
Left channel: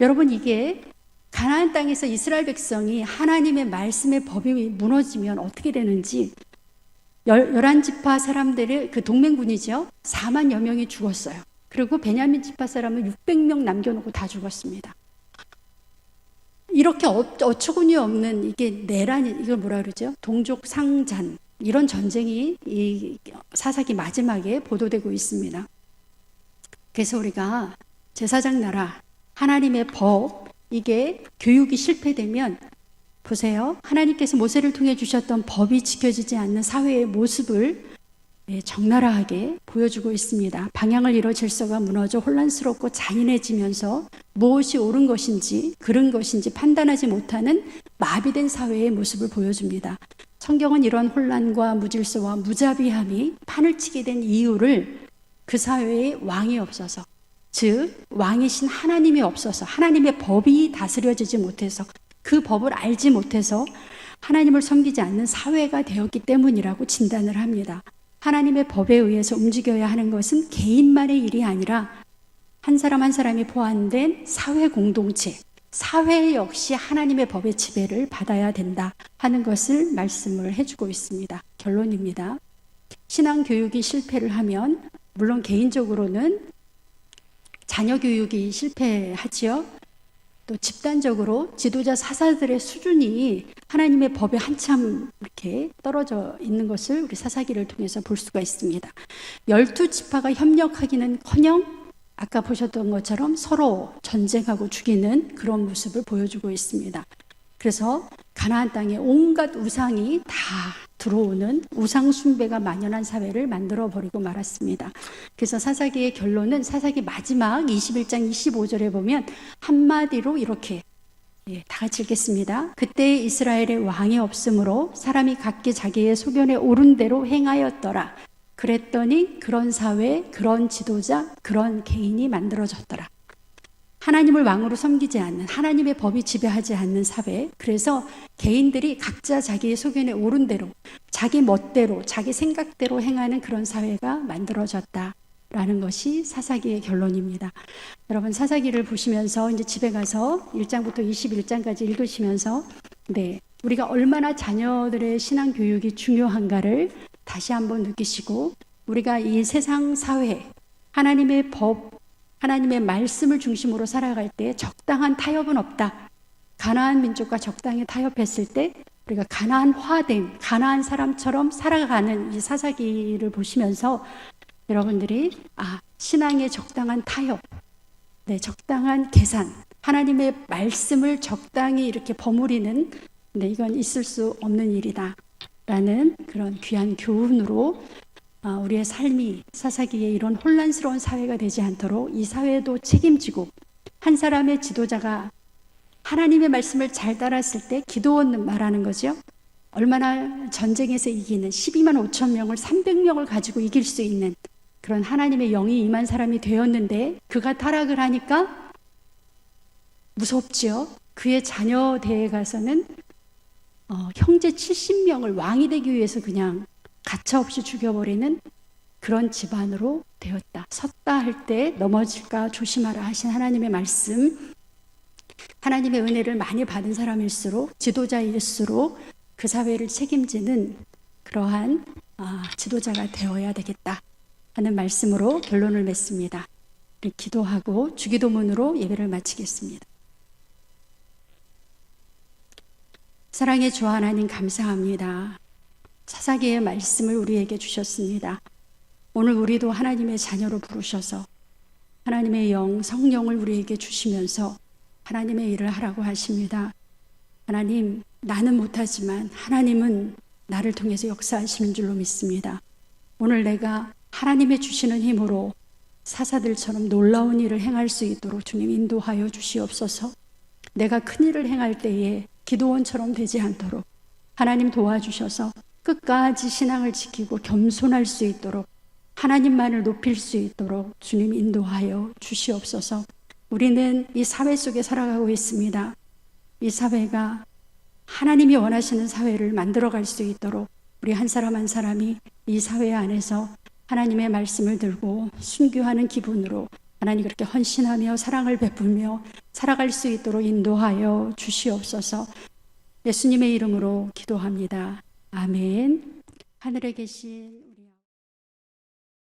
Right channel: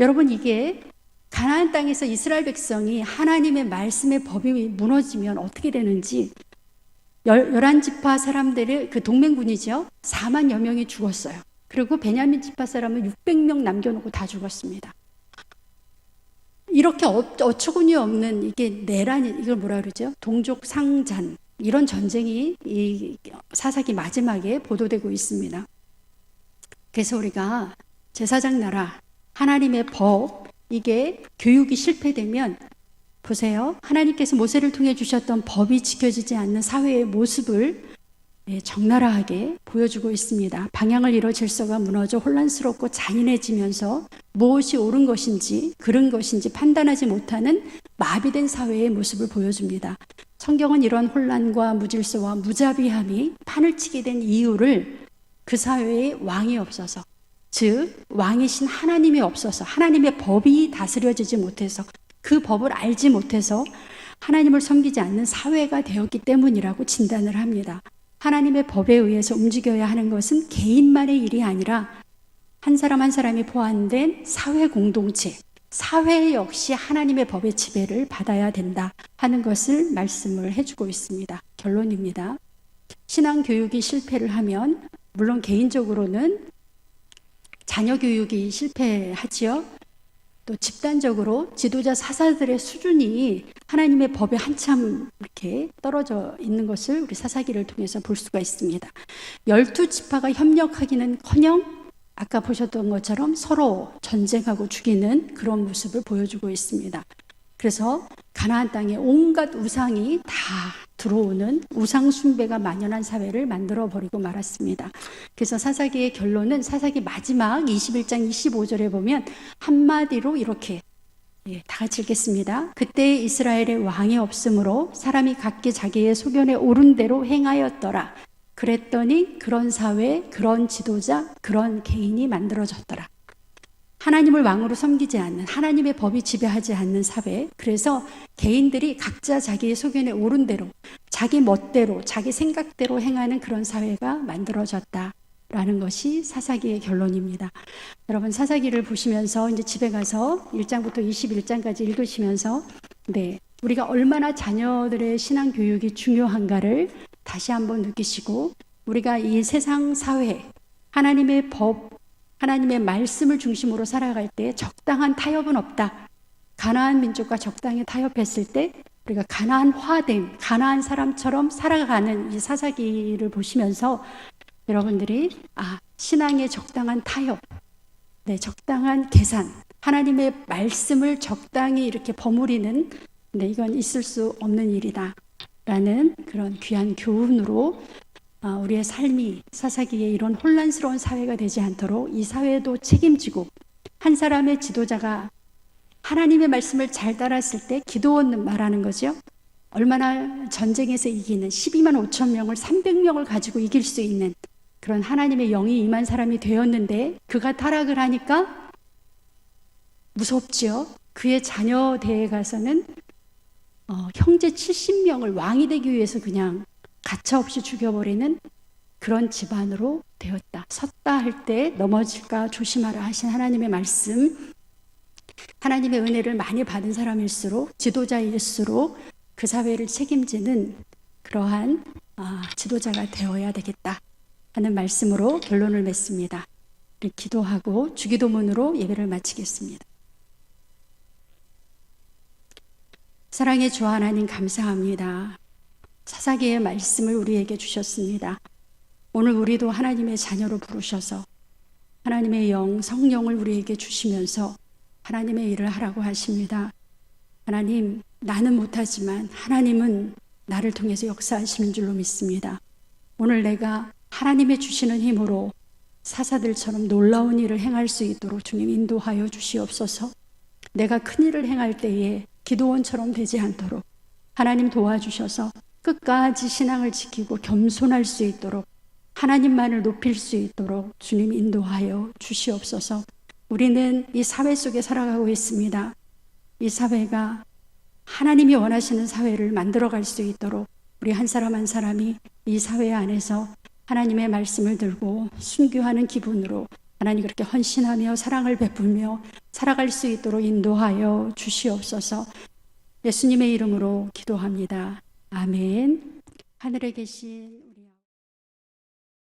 여러분, 이게 가나안 땅에서 이스라엘 백성이 하나님의 말씀의 법이 무너지면 어떻게 되는지, 11지파 사람들의 그 동맹군이죠. 40,000여 명이 죽었어요. 그리고 베냐민 지파 사람은 600명 남겨놓고 다 죽었습니다. 이렇게 어처구니 없는 이게 내란, 이걸 뭐라 그러죠? 동족 상잔, 이런 전쟁이 이 사사기 마지막에 보도되고 있습니다. 그래서 우리가 제사장 나라, 하나님의 법, 이게 교육이 실패되면 보세요. 하나님께서 모세를 통해 주셨던 법이 지켜지지 않는 사회의 모습을 적나라하게 보여주고 있습니다. 방향을 잃어 질서가 무너져 혼란스럽고 잔인해지면서 무엇이 옳은 것인지 그른 것인지 판단하지 못하는 마비된 사회의 모습을 보여줍니다. 성경은 이런 혼란과 무질서와 무자비함이 판을 치게 된 이유를 그 사회에 왕이 없어서, 즉 왕이신 하나님이 없어서, 하나님의 법이 다스려지지 못해서, 그 법을 알지 못해서 하나님을 섬기지 않는 사회가 되었기 때문이라고 진단을 합니다. 하나님의 법에 의해서 움직여야 하는 것은 개인만의 일이 아니라 한 사람 한 사람이 포함된 사회 공동체, 사회 역시 하나님의 법의 지배를 받아야 된다 하는 것을 말씀을 해주고 있습니다. 결론입니다. 신앙 교육이 실패를 하면 물론 개인적으로는 자녀 교육이 실패하지요. 또 집단적으로 지도자 사사들의 수준이 하나님의 법에 한참 이렇게 떨어져 있는 것을 우리 사사기를 통해서 볼 수가 있습니다. 12지파가 협력하기는커녕 아까 보셨던 것처럼 서로 전쟁하고 죽이는 그런 모습을 보여주고 있습니다. 그래서 가나안 땅에 온갖 우상이 다 들어오는 우상 숭배가 만연한 사회를 만들어버리고 말았습니다. 그래서 사사기의 결론은 사사기 마지막 21장 25절에 보면 한마디로 이렇게 다 같이 읽겠습니다. 그때 이스라엘의 왕이 없으므로 사람이 각기 자기의 소견에 옳은 대로 행하였더라. 그랬더니 그런 사회, 그런 지도자, 그런 개인이 만들어졌더라. 하나님을 왕으로 섬기지 않는, 하나님의 법이 지배하지 않는 사회, 그래서 개인들이 각자 자기의 소견에 옳은 대로, 자기 멋대로, 자기 생각대로 행하는 그런 사회가 만들어졌다라는 것이 사사기의 결론입니다. 여러분 사사기를 보시면서 이제 집에 가서 1장부터 21장까지 읽으시면서 우리가 얼마나 자녀들의 신앙 교육이 중요한가를 다시 한번 느끼시고, 우리가 이 세상 사회, 하나님의 법, 하나님의 말씀을 중심으로 살아갈 때 적당한 타협은 없다. 가나안 민족과 적당히 타협했을 때 우리가 가나안화된 가나안 사람처럼 살아가는 이 사사기를 보시면서 여러분들이 신앙의 적당한 타협, 적당한 계산, 하나님의 말씀을 적당히 이렇게 버무리는 이건 있을 수 없는 일이다 라는 그런 귀한 교훈으로 우리의 삶이 사사기에 이런 혼란스러운 사회가 되지 않도록 이 사회도 책임지고, 한 사람의 지도자가 하나님의 말씀을 잘 따랐을 때 기도원 말하는 거죠. 얼마나 전쟁에서 이기는 12만 5천 명을 300명을 가지고 이길 수 있는 그런 하나님의 영이 임한 사람이 되었는데 그가 타락을 하니까 무섭죠. 그의 자녀대에 가서는 형제 70명을 왕이 되기 위해서 그냥 가차없이 죽여버리는 그런 집안으로 되었다. 섰다 할 때 넘어질까 조심하라 하신 하나님의 말씀, 하나님의 은혜를 많이 받은 사람일수록, 지도자일수록 그 사회를 책임지는 그러한 지도자가 되어야 되겠다 하는 말씀으로 결론을 맺습니다. 우리 기도하고 주기도문으로 예배를 마치겠습니다. 사랑의 주 하나님 감사합니다. 사사기의 말씀을 우리에게 주셨습니다. 오늘 우리도 하나님의 자녀로 부르셔서 하나님의 영, 성령을 우리에게 주시면서 하나님의 일을 하라고 하십니다. 하나님, 나는 못하지만 하나님은 나를 통해서 역사하시는 줄로 믿습니다. 오늘 내가 하나님의 주시는 힘으로 사사들처럼 놀라운 일을 행할 수 있도록 주님 인도하여 주시옵소서. 내가 큰 일을 행할 때에 기도원처럼 되지 않도록 하나님 도와주셔서 끝까지 신앙을 지키고 겸손할 수 있도록, 하나님만을 높일 수 있도록 주님 인도하여 주시옵소서. 우리는 이 사회 속에 살아가고 있습니다. 이 사회가 하나님이 원하시는 사회를 만들어갈 수 있도록 우리 한 사람 한 사람이 이 사회 안에서 하나님의 말씀을 들고 순교하는 기분으로 하나님 그렇게 헌신하며 사랑을 베풀며 살아갈 수 있도록 인도하여 주시옵소서. 예수님의 이름으로 기도합니다. 아멘. 하늘에 계신 우리